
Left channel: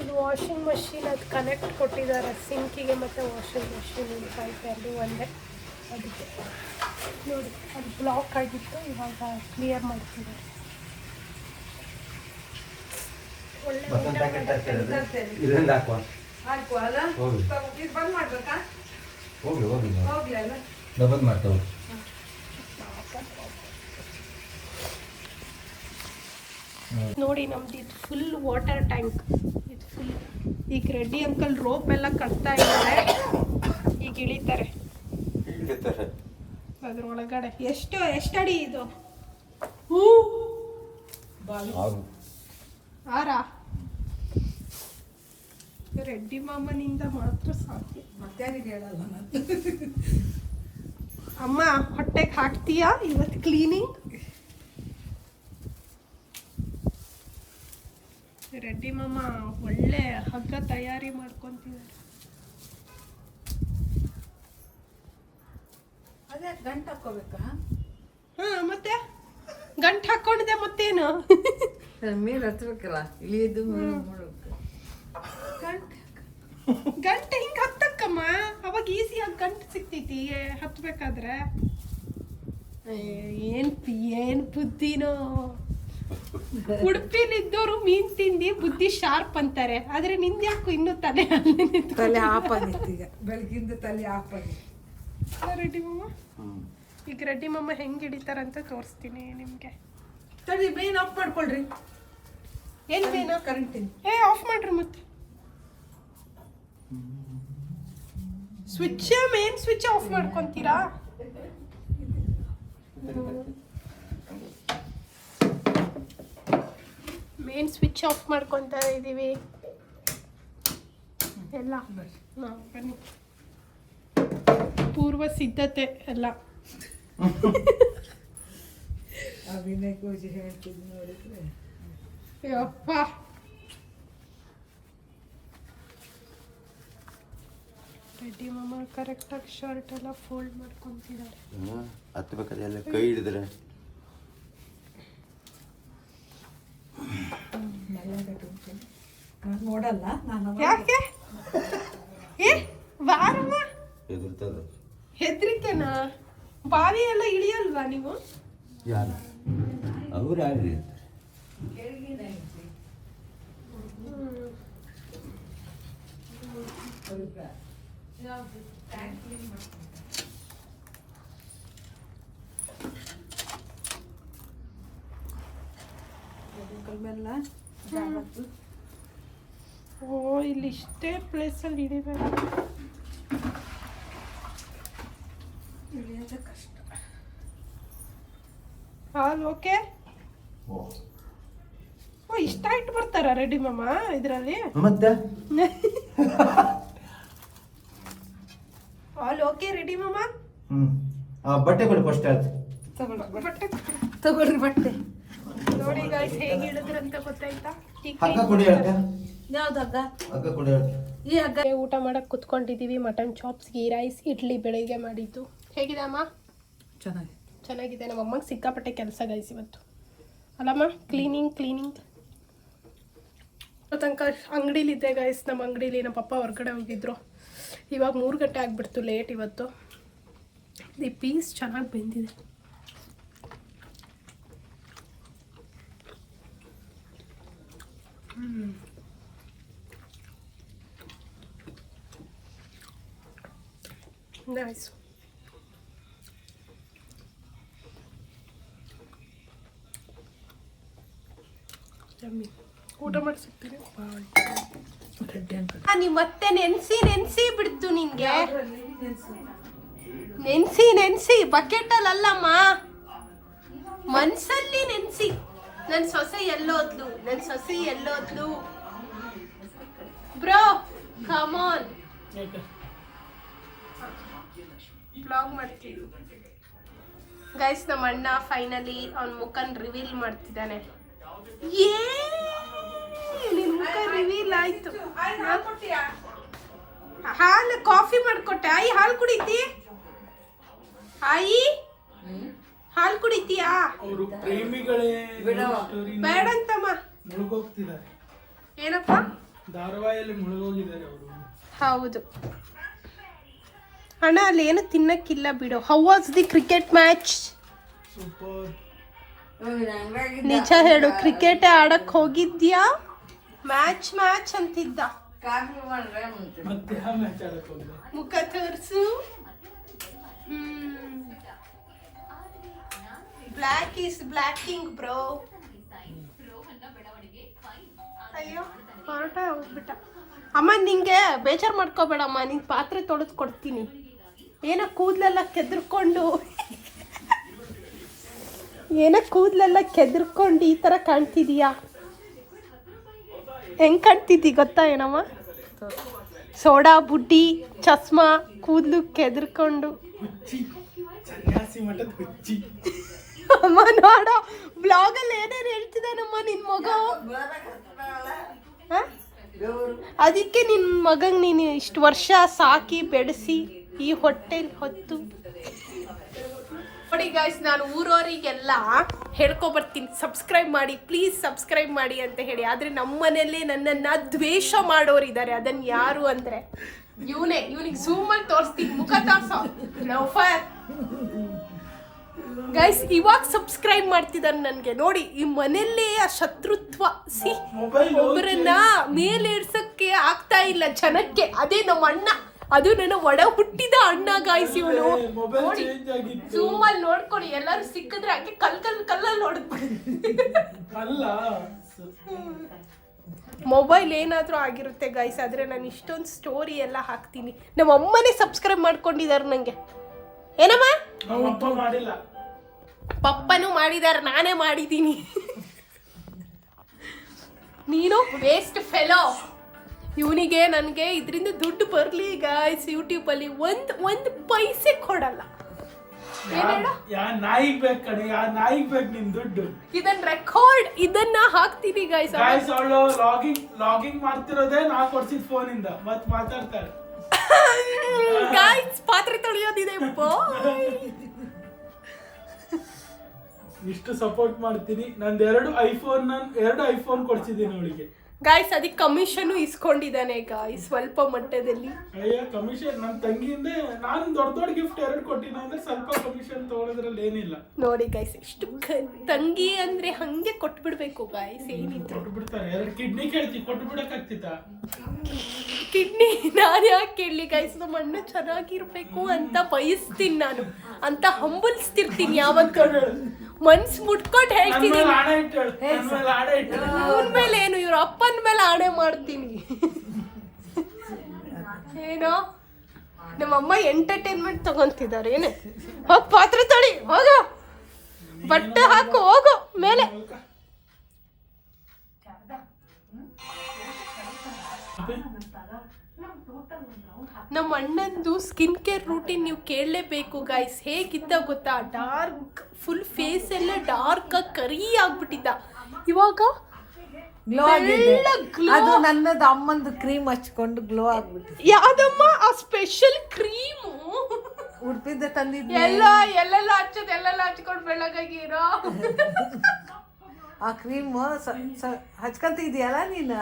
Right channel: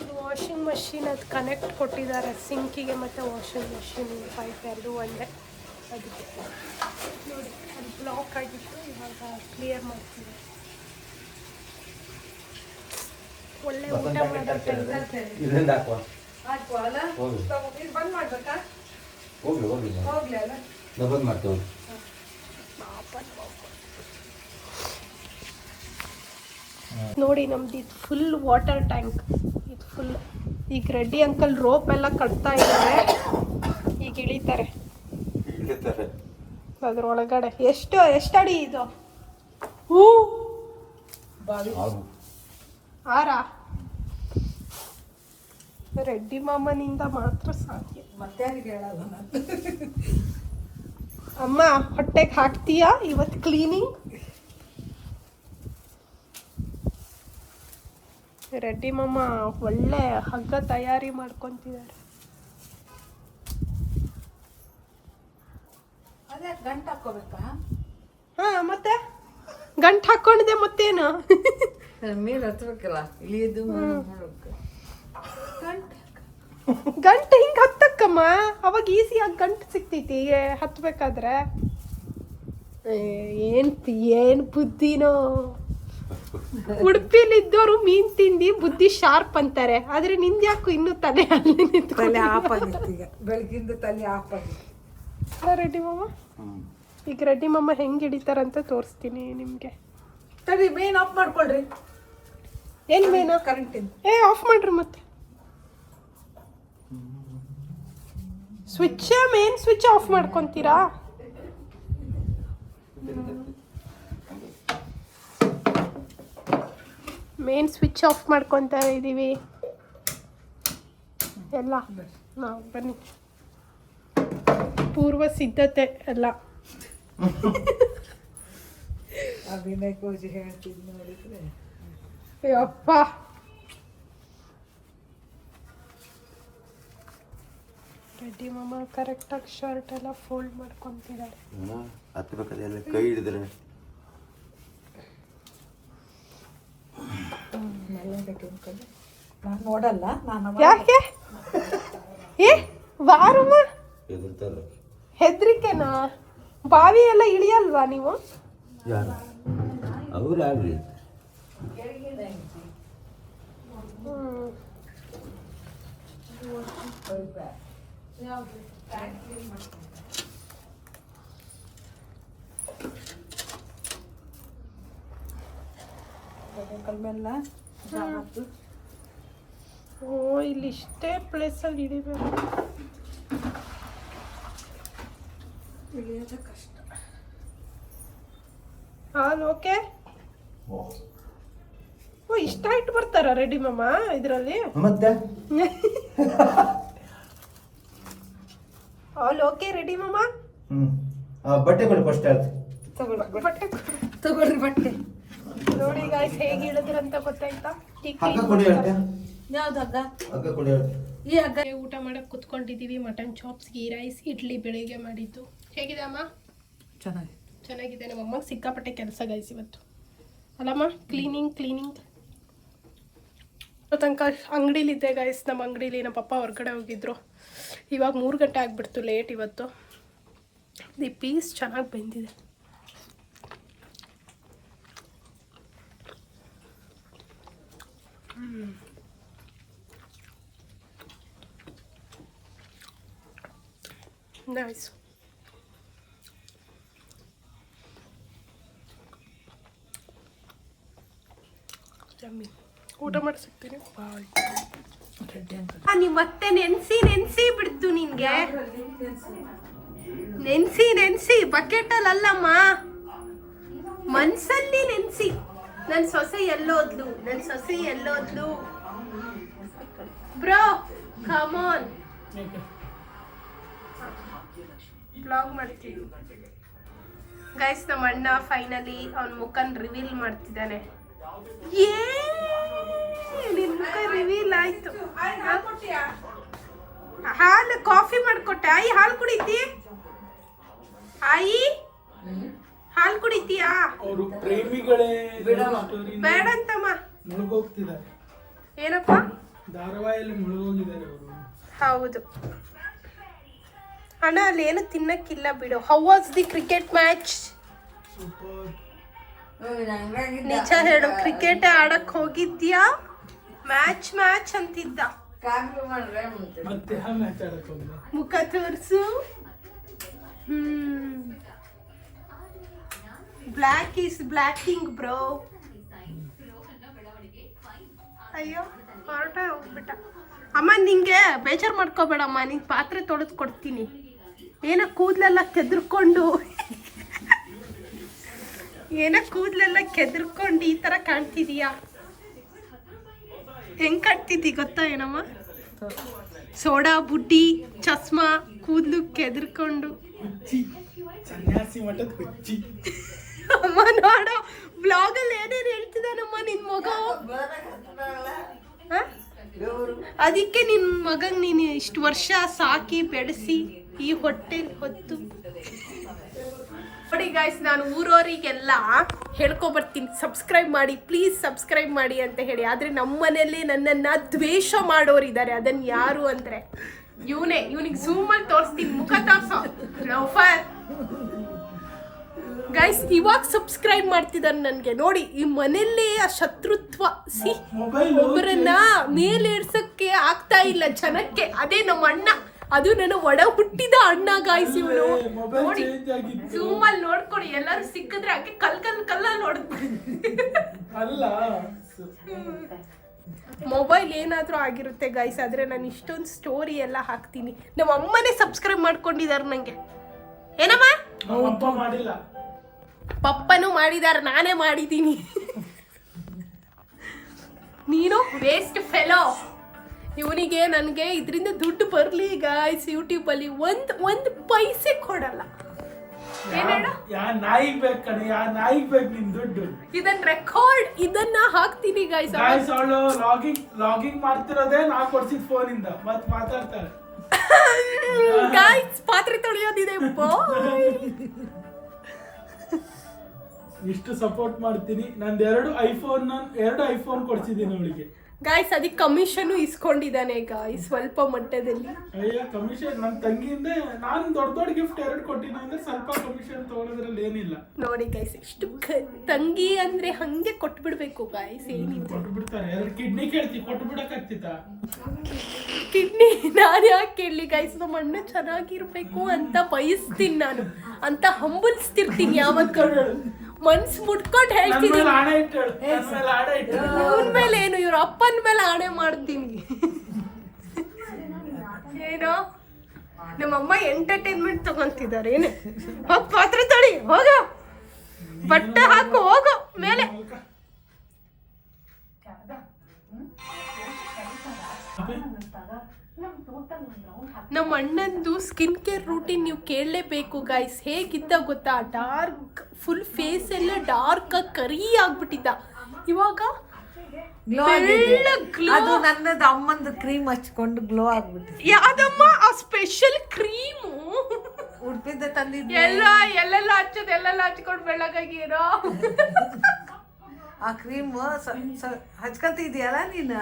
ಇದು ವಾಷಿಂಗ್ ಮಷಿನ್ ಅದು ಕನೆಕ್ಟ್ ಕೊಟ್ಟಿದ್ದಾರೆ ಸಿಂಕಿಗೆ ಮತ್ತು ವಾಷಿಂಗ್ ಮಷಿನ್ ಪೈಪ್ ಎರಡು ಒಂದೇ. ಅದಕ್ಕೆ ನೋಡಿ, ಅದು ಬ್ಲಾಕ್ ಆಗಿತ್ತು, ಇವಾಗ ಕ್ಲಿಯರ್ ಮಾಡ್ತಿದ್ದಾರೆ. ಒಳ್ಳೆ ಊಟ ಮಾಡೋಕ್ಕೆ ಇದರಿಂದ ಹಾಕುವ. ಹೋಗ್ರಿ ಡಬಲ್ ಮಾಡ್ತೇವೆ. ನೋಡಿ, ನಮ್ದು ಇದು ಫುಲ್ ವಾಟರ್ ಟ್ಯಾಂಕ್. ಇದು ಫುಲ್. ಈಗ ರೆಡ್ಡಿ ಅಂಕಲ್ ರೋಪ್ ಎಲ್ಲ ಕಟ್ತಾ ಇದ್ದಾರೆ, ಈಗ ಇಳಿತಾರೆ ಅದ್ರೊಳಗಡೆ. ಎಷ್ಟು ಅಡಿ ಇದು? ಆರಾ? ರೆಡ್ಡಿ ಮಾಮನಿಂದ ಮಾತ್ರ ಸಾಧ್ಯ. ಮತ್ತೆ ಹೇಳಲ್ಲ ನಾನು. ಅಮ್ಮ ಹೊಟ್ಟೆಗೆ ಹಾಕ್ತೀಯಾ ಇವತ್ತು ಕ್ಲೀನಿಂಗ್? ರೆಡ್ಡಿ ಮಾಮ ಒಳ್ಳೆ ಹಗ್ಗ ತಯಾರಿ ಮಾಡ್ಕೊಂತಿದ್ದಾರೆ. ಅದೇ ಗಂಟು ಹಾಕೋಬೇಕಾ? ಹಾ, ಮತ್ತೆ ಗಂಟು ಹಾಕೊಂಡಿದೆ ಮತ್ತೇನು? ಮೇಲೆ ಹತ್ಬೇಕಲ್ಲ, ಇಳಿಯೋದು ಮಾಡ್ಬೇಕು. ಗಂಟು ಹಿಂಗೆ ಹತ್ತಕ್ಕಮ್ಮ, ಅವಾಗ ಈಸಿಯಾಗಿ ಗಂಟು ಸಿಗ್ತೈತಿ ಹತ್ಬೇಕಾದ್ರೆ. ಏನು ಬುದ್ಧಿನೋ. ಉಡುಪಿಲಿದ್ದವರು ಮೀನ್ ತಿಂದು ಬುದ್ಧಿ ಶಾರ್ಪ್ ಅಂತಾರೆ, ಆದ್ರೆ ನಿಂದ್ಯಾಕು ಇನ್ನೂ ತಲೆ ತಲೆ ಆಫ್ ಆಗಿತ್ತು. ಈಗ ಬೆಳಗಿಂದ ತಲೆ ಆಫ್ ಆಗಿತ್ತು. ರೆಡ್ಡಿ ಮಾಮ, ಈಗ ರೆಡ್ಡಿ ಮಾಮ ಹೆಂಗೆ ಹಿಡಿತಾರಂತ ತೋರಿಸ್ತೀನಿ ನಿಮಗೆ. ತಡಿ, ಮೇನ್ ಆಫ್ ಮಾಡ್ಕೊಳ್ರಿ. ಏನು ಮೇನು? ಕರೆಂಟಿಂದ. ಆಫ್ ಮಾಡ್ರಿ ಮತ್ತೆ. ಮೇನ್ ಸ್ವಿಚ್ ಆಫ್ ಮಾಡ್ಕೊಂತೀರಾ? ಮೇನ್ ಸ್ವಿಚ್ ಆಫ್ ಮಾಡ್ಕೊತಾ ಇದ್ದೀವಿ ಎಲ್ಲ. ನಾವು ಬನ್ನಿ, ಪೂರ್ವ ಸಿದ್ಧತೆ ಎಲ್ಲ. ಅಭಿನಯ ಕೋಜಿ ಹೇಳ್ತಿದ್ ನೋಡಿದ್ರೆ ಯಪ್ಪ. ರೆಡ್ಡಿ ಮಾಮ ಕರೆಕ್ಟಾಗಿ ಶರ್ಟ್ ಎಲ್ಲ ಫೋಲ್ಡ್ ಮಾಡ್ಕೊತಿದ್ದಾರೆ. ಹತ್ಬೇಕಾದ್ರೆ ಕೈ ಹಿಡಿದ್ರೆ ನಾನು ನೋಡಲ್ಲ. ನಾನು ಯಾಕೆ? ಬಾರಮ್ಮ. ಹೆದರ್ತಾರೆ. ಹೆದ್ರಿಕೆನಾ? ಬಾವಿ ಎಲ್ಲ ಇಳಿಯಲ್ವಾ ನೀವು? ಯಾರು ಅವ್ರು ಯಾರು? ಕಲ್ಮೆಲ್ಲ ಓ, ಇಲ್ಲಿ ಇಷ್ಟೇ ಪ್ಲೇಸಲ್ಲಿ ಹಿಡಿಬೇಕು. ಕೊಡ್ಸೋದು ಕಷ್ಟ. ಹಾಲು ಓಕೆ. ಓ ಇಷ್ಟ ಇಟ್ಟು ಬರ್ತಾರ ರೆಡಿ ಮಾಮ ಇದರಲ್ಲಿ. ಮತ್ತೆ ಹಾಲು ಓಕೆ ರೆಡಿ ಮಾಮ. ಬಟ್ಟೆ ಕೊಡಿ ಫಸ್ಟ್ ಅದು. ತಗೊಳ್ರಿ ಬಟ್ಟೆ. ನೋಡಿ ಗಾಯ್ಸ್ ಹೇಗೆ ಹೇಳಿದ್ರಂತ ಗೊತ್ತಾಯ್ತಾ. ಹಗ್ಗ ಕೊಡಿ ಹೇಳ್ತೆ. ಯಾವ್ದು ಹಗ್ಗ? ಹಗ್ಗ ಕೊಡಿ ಹೇಳ್ತೆ. ಈ ಹಗ್ಗ. ಊಟ ಮಾಡಕ್ ಕುತ್ಕೊಂಡಿದೀವಿ. Mutton chops, ghee rice, idli ಬೆಳಿಗ್ಗೆ ಮಾಡಿದ್ದು. ಹೇಗಿದೆ ಅಮ್ಮ? ಚೆನ್ನಾಗಿದೆ. ನಮ್ಮ ಅಮ್ಮಗೆ ಸಿಕ್ಕಾಪಟ್ಟೆ ಕೆಲಸ ಗೈಸ್ ಇವತ್ತು ಅಲ್ಲಮ್ಮ. ಕ್ಲೀನಿಂಗ್ ತನಕ ಅಂಗಡಿಲಿದ್ದೆ ಗೈಸ್. ನಮ್ಮ ಅಂಗಡೀಲಿ ನಮ್ಮ ಪಪ್ಪ ಹೊರಗಡೆ ಹೋಗಿದ್ರು. ಇವಾಗ 3 ಗಂಟೆ ಆಗಿಬಿಡ್ತು, ಲೇಟ್ ಇವತ್ತು. ಈ ಪೀಸ್ ಚೆನ್ನಾಗಿ ಬೆಂದಿದೆ. ನೈಸ್. ಊಟ ಮಾಡಿ ಸಿಗ್ತೀನಿ. ನೀ ಮತ್ತೆ ನೆನ್ಸಿ ಬಿಡ್ತು ನಿನ್ಗೆ. ನೆನ್ಸಿ ಬಕೆಟಲ್ಲಿ ಅಲ್ಲಮ್ಮ, ಮನ್ಸಲ್ಲಿ ನೆನ್ಸಿ. ನನ್ನ ಸೊಸೆ ಎಲ್ಲೋದ್ಲು ಬ್ರೋ, ಕಮ್ ಆನ್. ಬ್ಲಾಗ್ ಮಾಡ್ತೀವಿ ಗೈಸ್. ನಮ್ಮ ಅಣ್ಣ ಫೈನಲಿ ಅವನ ಮುಖನ್ ರಿವೀಲ್ ಮಾಡ್ತಿದ್ದಾನೆ. ನಿನ್ ಮುಖ ರಿವೀಲ್ ಆಯ್ತು. ಹಾಲು ಕಾಫಿ ಮಾಡ್ಕೊಟ್ಟೆ. ಆಯಿ ಹಾಲು ಕುಡಿತಿ? ಆಯಿ ಹಾಲು ಕುಡಿತೀಯಾ? ಬೇಡಂತಮ್ಮ. ಏನಪ್ಪ? ಹೌದು ಅಣ್ಣ, ಅಲ್ಲಿ ಏನು ತಿನ್ನಕ್ಕಿಲ್ಲ ಬಿಡು. How was the cricket match? ನಿಜ ಹೇಳು, ಕ್ರಿಕೆಟ್ ಆಡಕ್ ಹೋಗಿದ್ಯಾ? ಮ್ಯಾಚ್ ಅಂತಿದ್ದ. ಮುಖ ತೋರ್ಸು. Black is blacking bro. ಅಯ್ಯೋ ಹೊರಟ ಹೋಗ್ಬಿಟ್ಟ. ಅಮ್ಮ ನಿಂಗೆ ಬೇಜಾರು ಮಾಡ್ಕೋಬೇಡಮ್ಮ, ನಿಂಗೆ ಪಾತ್ರೆ ತೊಳೆದು ಕೊಡ್ತೀನಿ. ಏನೋ ಕೂದಲೆಲ್ಲ ಕೆದ್ರಕೊಂಡು ಈ ಥರ ಕಾಣ್ತಿದೀಯಾ? ಹೆಂಗೆ ಕಾಣ್ತಿದ್ದಿ ಗೊತ್ತಾ ಏನಮ್ಮ? ಸೋಡಾ ಬುಡ್ಡಿ, ಚಸ್ಮಾ, ಕೂದಲು ಕೆದ್ರಕೊಂಡು. ಅಮ್ಮ ನೋಡೋ ಬ್ಲಾಗಲ್ಲಿ ಏನೇನು ಹೇಳ್ತಿದ್ದಾನಮ್ಮ ನಿನ್ನ ಮಗ. ಅದಕ್ಕೆ ನಿನ್ನ ಮಗಂಗೆ ನೀನು ಇಷ್ಟು ವರ್ಷ ಸಾಕಿ ಬೆಳೆಸಿ ಈ ಹೊಟ್ಟೆಲಿ ಹೊತ್ತು. ನೋಡಿ ಗಾಯ್ಸ್, ನಾನು ಊರವರಿಗೆಲ್ಲ ಹೇಳ್ಕೊಬರ್ತೀನಿ, ಸಬ್ಸ್ಕ್ರೈಬ್ ಮಾಡಿ ಪ್ಲೀಸ್, ಸಬ್ಸ್ಕ್ರೈಬ್ ಮಾಡಿ ಅಂತ ಹೇಳಿ. ಆದರೆ ನಮ್ಮ ಮನೆಯಲ್ಲಿ ನನ್ನನ್ನು ದ್ವೇಷ ಮಾಡೋರಿದ್ದಾರೆ. ಅದನ್ನು ಯಾರು ಅಂದರೆ ಇವನಿಗೆ ಝೂಮಲ್ಲಿ ತೋರಿಸ್ತೀನಿ. ಮುಖ ತೋರಿಸೋ ಲೋಫರ್. ಗೈಸ್ ಇವಾಗ ಸಬ್ಸ್ಕ್ರೈಬ್ ಮಾಡ್ತಿದ್ದಾನೆ ನನಗೆ. ನೋಡಿ ಈ ಮನೆಯಲ್ಲೇ ಆ ಶತ್ರುತ್ವ. ಒಬ್ಬರನ್ನ ಮೇಲೆ ಇಡ್ಸಕ್ಕೆ ಆಗ್ತಾ ಇಲ್ಲ ಜನಕ್ಕೆ. ಅದೇ ನಮ್ಮ ಅಣ್ಣ, ಅದು ನನ್ನ ಒಡ ಹುಟ್ಟಿದ ಅಣ್ಣ ಗಾಯ್ಸ್. ಇವನು ನೋಡಿ ಝೂಮಲ್ಲಿ ನೋಡ್ಕೊಡಿ. ಎಲ್ಲರೂ ಸಿಕ್ಕಿದ್ರೆ ಹಂಗೆ ಕಲ್ಲಲ್ಲಿ ನೋಡ್ಬಿಡಿ. ಮೊಬೈಲ್ ಏನಾದರೂ ಆಗಿರುತ್ತೆ ಗೈಸ್. ಆದರೆ ನಾನು ಇಷ್ಟೊಂದು ಸ್ಟೋರಿ ಎಲ್ಲ ಹಾಕ್ತೀನಿ. ನಮ್ಮ ಅಮ್ಮನೇ ಸಬ್ಸ್ಕ್ರೈಬ್ ಮಾಡ್ಕೊಂಡಿದ್ದಾರೆ ನನಗೆ. ಏನಮ್ಮ? ಪಪ್ಪನೂ ಮಾಡಿದಾರೆ, ನಾನೇ ಮಾಡಿದ್ದೀನಿ. ನೀನು ವೇಸ್ಟ್ ಫೆಲೋ. ಇವನಿಗೆ ನನಗೆ ಇದರಿಂದ ದುಡ್ಡು ಬರಲಿ ಗಾಯ್ಸ್. ಯೂಟ್ಯೂಬಲ್ಲಿ ಒಂದು ಪೈಸೆ ಕೊಡಲ್ಲ. ಇದನ್ನ ಹಾಕ್ತೀನಿ ಗಾಯ್ಸ್. ಲಾಗಿಂಗ್ ಮಾಡ್ತಿರೋದೇ ನಾ ಕೊಡ್ಸಿದ ಫೋನ್ ಇಂದ ಮತ್ ಮಾತಾಡ್ತಾರೆ ಗಾಯ್ಸ್. ಪಾತ್ರೆ ತೊಳೆಯೋದಿದೆ. ಇಷ್ಟು ಸಪೋರ್ಟ್ ಮಾಡ್ತೀನಿ. ನಂದು 2 ಐಫೋನ್ ಕೊಡ್ಸಿದ್ದೀನಿ ಅವಳಿಗೆ ಗಾಯ್ಸ್. ಅದಕ್ಕೆ ಕಮಿಷನ್ ಇಸ್ಕೊಂಡಿದ್ದಾನೆ ಗಾಯ್ಸ್, ಸ್ವಲ್ಪ ಮಟ್ಟದಲ್ಲಿ. ಅಯ್ಯ ಕಮಿಷನ್ ನನ್ನ ತಂಗಿಯಿಂದ ನಾನು ದೊಡ್ಡ ಗಿಫ್ಟ್ 2 ಕೊಟ್ಟಿನ ಅಂದ್ರೆ ಸ್ವಲ್ಪ ಕಮಿಷನ್ ತಗೊಳ್ಳೋದ್ರಲ್ಲಿ ಏನಿಲ್ಲ. ನೋಡಿ ಗಾಯ್ಸ್, ಇಷ್ಟು ತಂಗಿ ಅಂದ್ರೆ ಹಂಗೆ ಕೊಟ್ಬಿಡ್ಬೇಕು ಗಾಯ್ಸ್. ಏನಿದ್ರು ಕೊಟ್ಬಿಡ್ತಾರೆ. 2 ಕಿಡ್ನಿ ಕೇಳ್ತಿ, ಕೊಟ್ಬಿಡಕ್ ಆಗ್ತಿತ್ತ? ಕಿಡ್ನಿ ನಾನು ಯಾಕೆ ಕೇಳಲಿ ಗಾಯ್ಸ್? ನಮ್ಮ ಅಣ್ಣ ಚೆನ್ನಾಗಿರ್ಬೇಕು ಅಂತ ಬಯಸ್ತೀನಿ ನಾನು, ಅಂತ ಹಂಬಲ್ಸ್ತಿರ್ತೀನಿ ಯಾವತ್ತೂ. ಮನ್ಸು ಮುಟ್ಕೊಂಡು ಹೇಳ್ತೀನಿ. ಇವನ್ ಮೇಲೆ ಏನು, ಇವ್ರ ಅಪ್ಪನ ಮೇಲೆ ಆಣೆ ಮಾಡ್ತೀನಿ. ಏನೋ ನಮ್ಮಮ್ಮ ಎಂಟರ್ಟೈನ್ಮೆಂಟ್ ತಗೊಂತಿದ್ದಾರೆ ಏನೇ ಹೋಗ್ ಪಾತ್ರೆ ತೊಳಿ ಹೋಗ ಬಟ್ಟೆ ಹಾಕು ಹೋಗು ಮೇಲೆ. ನಮ್ಮ ಅಣ್ಣಂದು ಸ್ಕಿನ್ ಕೇರ್ ರೂಟೀನ್ ನೀವು ಕೇಳಲೇಬೇಕು ಗೈಸ್. ಹೇಗಿದ್ದ ಗೊತ್ತಾ, ಡಾರ್ಕ್ ಫುಲ್ ಫೇಸ್ ಎಲ್ಲ ಡಾರ್ಕ್ ಆಗಿ ಕರಿ ಆಗ್ಬಿಟ್ಟಿದ್ದ. ಇವಾಗ ಗ್ಲೋ. ನನ್ನದು ಅಮ್ಮಂದು ಕ್ರೀಮ್ ಹಚ್ಕೊಂಡು ಗ್ಲೋ ಆಗ್ಬಿಟ್ಟಿದೆ. ಯಾವ್ದಮ್ಮ ಆ ಸ್ಪೆಷಲ್ ಕ್ರೀಮು? ಉಡುಪಿದ್ದೆ ತಂದಿದ್ದೆ. ಎಲ್ಲೆಲ್ಲ ಹಚ್ಕೊಂಡು ಬೆಳಗಾಗಿರೋ ಆ ಕ್ರೀಮ್ ಹಚ್ಕೊಂತಿದ್ಯಲ್ಲ ನೀನು,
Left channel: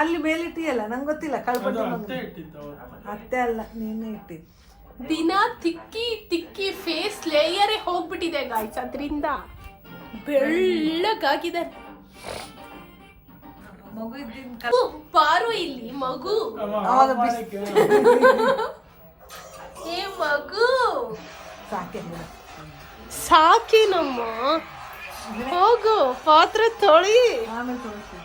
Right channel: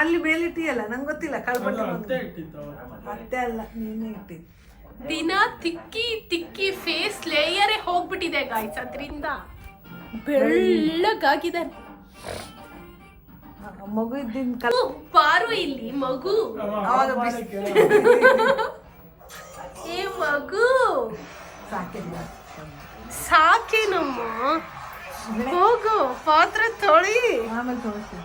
ಅಲ್ಲಿ ಮೇಲಿಟ್ಟಿಯಲ್ಲ, ನಂಗೆ ಗೊತ್ತಿಲ್ಲ. ಅತ್ತೆ ಅಲ್ಲ, ನೀನೇ ಇಟ್ಟಿದ್ದು. ದಿನ ತಿಕ್ಕಿ ಫೇಸ್ ಲೇಯರೇ ಹೋಗ್ಬಿಟ್ಟಿದೆ ಗಾಯ್ಸ್. ಅದರಿಂದ ಬೆಳ್ಳಗಾಗಿದ್ದಾನೆ. ಮಗು ಇದ್ದಿನ ಪಾರು ಇಲ್ಲಿ ಮಗು. ಏ ಮಗು ಸಾಕೇನಮ್ಮ, ಹೋಗು ಪಾತ್ರೆ ತೊಳಿ. ಆಮೇಲೆ ತೋರಿಸ್ತೀನಿ.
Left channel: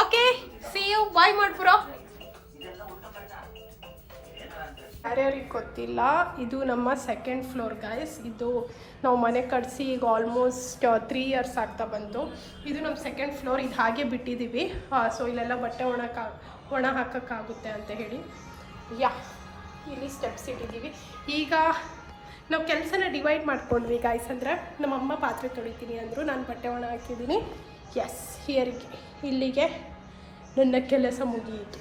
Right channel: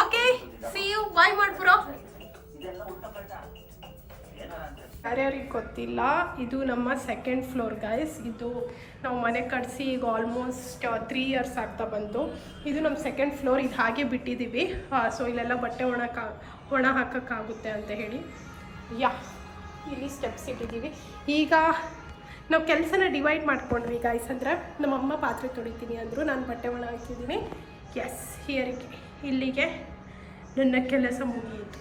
ಓಕೆ, ಸಿ ಯು, ಬಾಯ್ ಮಾಡ್ಬಿರೋ. ಯಾರ್ಯಾರಿಗೆ ಗೊತ್ತಿಲ್ಲ, ಇದು ನಮ್ಮ ಸೆಕೆಂಡ್ ಫ್ಲೋರ್ ಗಾಯ್ಸ್. ಇದು ನಾವು ಮನೆ ಕಟ್ಸಿ ಈಗ ಆಲ್ಮೋಸ್ಟ್ 3 ಇಯರ್ಸ್ ಆಗ್ತಾ ಬಂತು. ಇದು ನಮ್ಮ ಸೆಕೆಂಡ್ ಫ್ಲೋರ್. ಇದು ಹಾಗೆ ಬಿಟ್ಟಿದ್ದೀವಿ. ಸೊ ಇಲ್ಲೆಲ್ಲ ಬಟ್ಟೆ ಒಣ ಹಾಕೋಕ್ಕಾಗುತ್ತೆ ಅಂತ ಹೇಳಿ ಇಲ್ಲಿ ಸ್ಟೆಪ್ಸ್ ಇಟ್ಟಿದ್ದೀವಿ. ಈಗ ನಾವು ಕೆಲಸನ ಡಿವೈಡ್ ಮಾಡ್ಕೊಂಡ್ವಿ ಗಾಯ್ಸ್. ಅಂದರೆ ನಮ್ಮಮ್ಮ ಪಾತ್ರೆ ತೊಳಿತೀನಿ ಅಂದರು, ನಾನು ಬಟ್ಟೆ ಒಣ ಹಾಕಿದ್ದೀನಿ. ಎಸ್, ಇಲ್ಲಿಗೆ ನನ್ನ ಕೆಲಸ ಮುಗಿಯಿತು.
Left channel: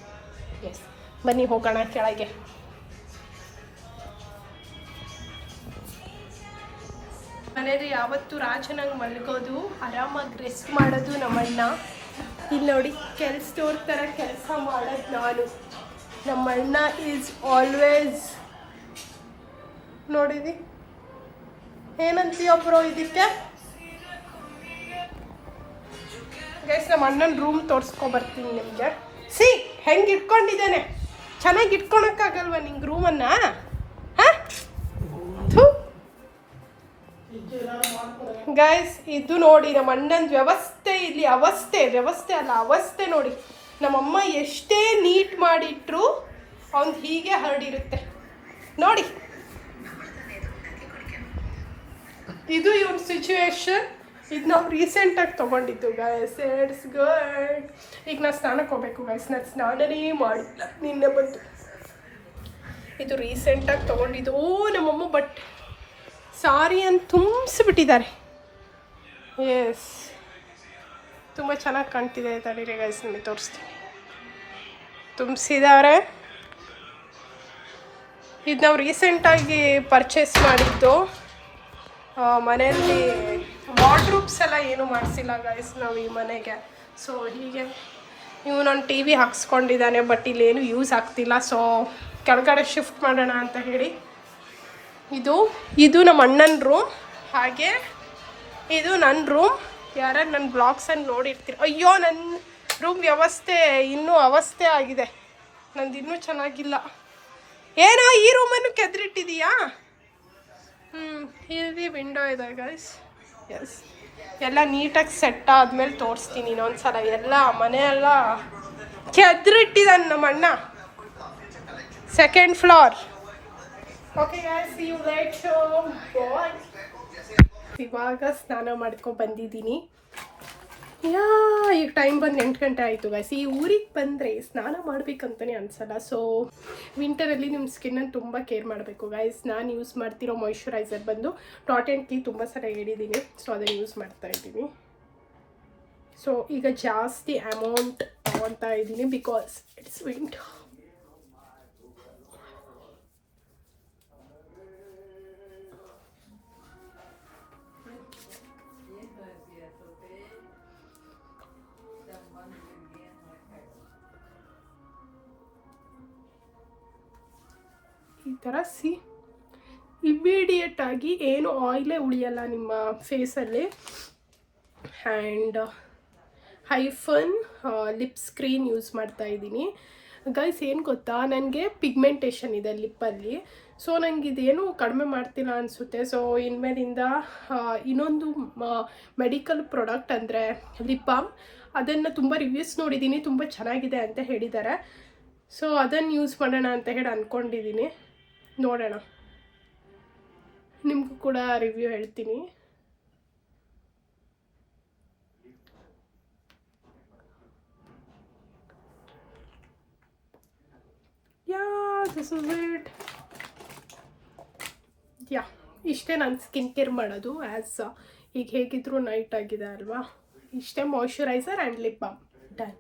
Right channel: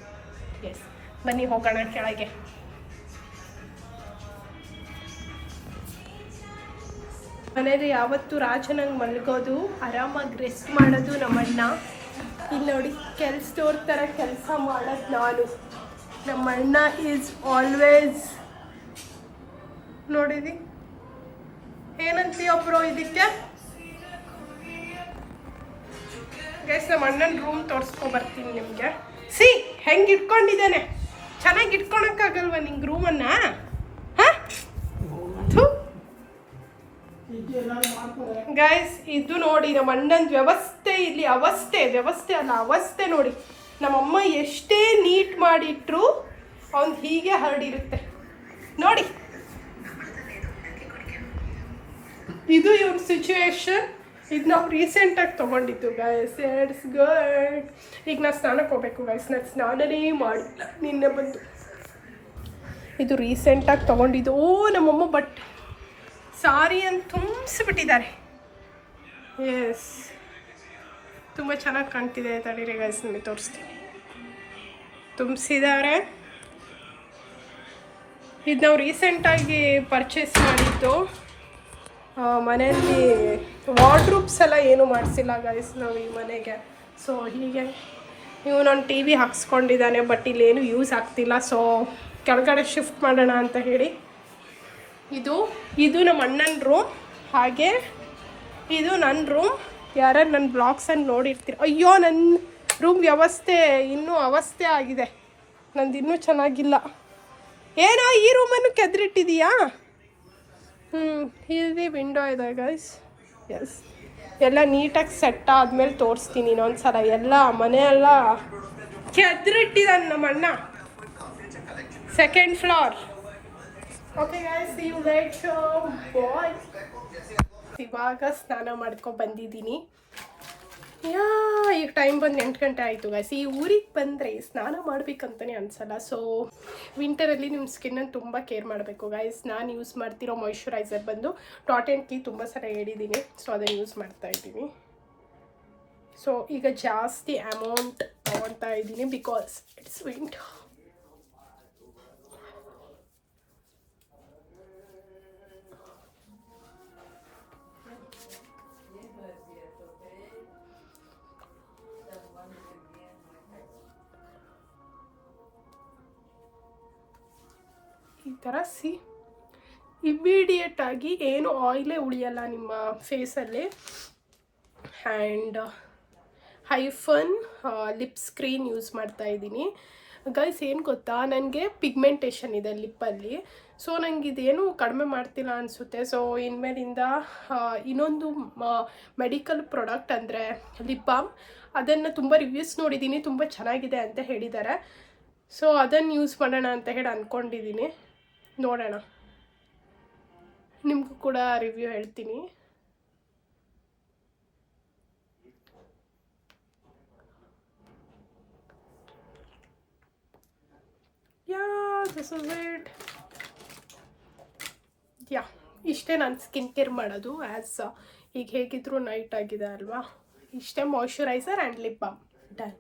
ಎಸ್, ಬನ್ನಿ ಹೋಗೋಣ ಕೆಳಗೆ. ಮನೇಲಿ ಯಾವತ್ತು ರಾಜನಂಗೆ ಮಲಗೋದು, ಆರಾಮಾಗಿ ರೆಸ್ಟ್ ಮಾಡೋದು ನಮ್ಮಣ್ಣ. ಇಲ್ಲಿ ನೋಡಿ, ಕೆಲ್ಸದವ್ರ ಥರ ಕೆಲಸ ಮಾಡೋದು ನಾನು. ನಮ್ಮಣ್ಣ ಈಸ್ ಆಲ್ವೇಸ್ ನೋಡಿದಿ. ಏನಂತೀಯೊಬ್ರು ಇದಕ್ಕೆ ಗೈಸ್? ನಮ್ಮ ಅಣ್ಣನ ರೂಮ್ ತೋರಿಸ್ಕೊಬರ್ತೀನಿ ನಿಮಗೆ. ಹೆಂಗೆ ಇಟ್ಕೊಂಡಿದ್ದೇನೆ, ಚೆನ್ನಾಗಿ ಇಟ್ಕೊಳಕ್ಕಾಗಲ್ವ ನಿಂಗೆ ರೂಮನ್ನು? ಗೈಸ್ ಇದು ನೋಡಿ ನಮ್ಮ ಅಣ್ಣನ ವ್ಯವಸ್ಥೆ. ಇಲ್ಲಿ ಅವಸ್ಥೆ ನೋಡಿ. ನಮ್ಮಮ್ಮ ಎಷ್ಟೇ ನೀಟ್ ಮಾಡಿಟ್ರು ಅವ್ನು ಹೀಗೆ ಹರಡಿರುತ್ತೆ ನೋಡಿ. ಇದು ಇವನ್ ಸಿಚುವೇಶನ್. ಇದು ನಾವು ರೀಸೆಂಟಾಗಿ ತೊಗೊಂಡಿದ್ದು ಗೈಸ್. It's good. ಈಗ ನಾನು ಸ್ನಾನಕ್ಕೆ ಹೋಗ್ಬೇಕು ಗೈಸ್. ನಾನು ಸ್ನಾನನೇ ಮಾಡಿಲ್ಲ, ನಿನ್ನೆ ಬಂದು. ಇದು ರೀಸೆಂಟಾಗಿ ತೊಗೊಂಡಿದ್ದು. ನಮ್ಮಮ್ಮ ಬಟ್ಟೆ ಸಾರಿಯನ್ನು ತುಂಬಿಸ್ಬಿಟ್ಟಿದ್ದಾರೆ. ಎಸ್, ತುಂಬ ಚೆನ್ನಾಗಿ ಕಾಣ್ತಿದೆ. ತಡೀರಿ ಗೈಸ್, ನಿಮಗೆ ತೋರಿಸ್ತೀನಿ. ತುಂಬಿಸಿದ್ದಾರೆ. ಇದು ನಾವು ರೀಸೆಂಟಾಗಿ ಪರ್ಚೇಸ್ ಮಾಡಿದ್ದು. ಮನೆಯಲ್ಲಿ ವಾರ್ಡ್ರೂಬ್ಸ್ ಎಲ್ಲ ಏನೂ ಮಾಡಿಸಿಲ್ಲ ಗೈಸ್ ನಾವು ಈ ಮನೆಗೆ. ಸೊ ಹೀಗೆ ಇವನೊಂದು ಟಿ ವಿ ಹಾಕ್ಸ್ಕೊಂಡಿದ್ದಾನೆ, ಬಟ್ ಇಲ್ಲೇನು ಯೂಸ್ ಆಗ್ತಿಲ್ಲ. ಸೊ ಕೆಳಗಡೆ ಶಿಫ್ಟ್ ಮಾಡೋಣ ಅಂತ ಹೇಳಿ. ಇದು ನಮ್ಮ ಅಣ್ಣನ ರೂಮ್, ಹಾಗೆ ಇದು ನನ್ನ ರೂಮ್. ಯಾರು ನನ್ನ ಬ್ಲಾಗ್ಸನ್ನು ನೋಡಿರ್ತೀರ. ಅಯ್ಯೋ, ನನ್ನ ರೂಮ್ ವ್ಯವಸ್ಥೆ ಇನ್ನೂ ಅವಸ್ಥೆ ಆಗಿದೆ, ನಂದು ಇನ್ನೂ ಚೆನ್ನಾಗಿಲ್ಲ. ಏನೋ ಈ ರೂಮನ್ನು ಕೆದರಿಟ್ಟಿದೀಯಾ? ಇಲ್ಲಿ ವಿಂಡೋ ಇದೆ ಗೈಸ್. ಎಸ್, ಎಲ್ಲ ನೀಟಾಗಿ ಸೆಟ್ ಆದಮೇಲೆ ತೋರಿಸ್ತೀನಿ ಇನ್ನೊಂದು ಸಲ. ಎಲ್ಲ ಮನೆಯೆಲ್ಲ ಕೆದರಿಟ್ಟಿದ್ದಾನೆ ನಮ್ಮ ಅಣ್ಣ. Second floor. Okay guys, see you later. Bye. ಇವಾಗ ಸ್ನಾನ ಮಾಡ್ಕೊಂಡು ಬಂದಿದ್ದೀನಿ. ಈಗ ಟೈಮ್ ಬಂದು 8 ಗಂಟೆ ಆಯಿತು ಗೈಸ್. ಈ ಊರಿಗೆ ಬಂದರೆ ಸ್ನಾನ ಮಾಡಬೇಕಂತಲೇ ಅನಿಸಲ್ಲ. ಸೊ ವಿಂಟರಲ್ಲಿ ನಿಮ್ಮ ಸ್ಕಿನ್ನನ್ನು ತುಂಬ ಕೇರ್ ಮಾಡಬೇಕು ಗೈಸ್. ನಾನು ಯೂಸ್ ಮಾಡ್ತಿರೋ ಮಾಯ್ಶ್ಚರೈಸರ್ ಬಂದು ಡಾಟ್ ಆ್ಯಂಡ್ ಕೀ. ತುಂಬ ಸಲ ಹೇಳಿದ್ದೀನಿ, ಸೊ ಅದನ್ನು ಯೂಸ್ ಮಾಡ್ತಾಯಿದ್ದೀನಿ. ಸೊ ಈಗ ಜಾಸ್ತಿ ಅಮೌಂಟ್ ತೊಗೊತಾ ಇದ್ದೀನಿ ಬಿಕಾಸ್ ಇಟ್ಸ್ ವಿಂಟರ್. ಈ ಥರ ಇಮ್ಮಿಡಿಯೇಟಾಗಿ ಏನು ಆಯಿಲೇ ಉಳಿಯಲ್ಲ ನಿಮ್ಮ ಫೇಸಲ್ಲಿ. And Hyphen lip screen use ಮಾಡ್ತಾಯಿದ್ದೀನಿ ಗೈಸ್. ಏನು ಗೊತ್ತಾ, ನನಗೆ ಪಿಗ್ಮೆಂಟೇಷನ್ ಇದೆ ಲಿಪ್ಪಲ್ಲಿ. ಸೊ ನನಗೆ ಇದೇನು ಕಡಿಮೆ ಮಾಡ್ತಿಲ್ಲ ಅನಿಸುತ್ತೆ. ಸೊ ಇನ್ಮೇಲಿಂದ ಇನ್ನೊಂದು ಮೆಡಿಕಲ್ ಪ್ರಾಡಕ್ಟ್ ಅಂದರೆ ಲಿಪ್ ಬಾಮ್, ಅದನ್ನು ತುಂಬ ರಿವ್ಯೂಸ್ ನೋಡಿದ್ದೀನಿ, ತುಂಬ ಚೆನ್ನಾಗಿದೆ ಅಂತ ಹೇಳಿದ್ದಾರೆ. ಸೊ ಅದನ್ನು ಯೂಸ್ ಮಾಡೋಣ ಅಂತ ಹೇಳಿ ಅಂದ್ಕೊಂಡಿದ್ದೀನಿ. ನೋಡೋಣ, ನಿಮಗೂ ಕೂಡ ರಿವ್ಯೂ ಹೇಳ್ತೀನಿ. This is it. ಇಷ್ಟೇ ನಾನು ಸ್ಕಿನ್ ಕೇರ್ ಮಾಡೋದು. ಈಗ ಹೇಗಿದ್ರು ನೈಟ್ ಆಗಿದೆ ಅಲ್ವಾ, ಇಷ್ಟೇ moisturiser and lip balm done.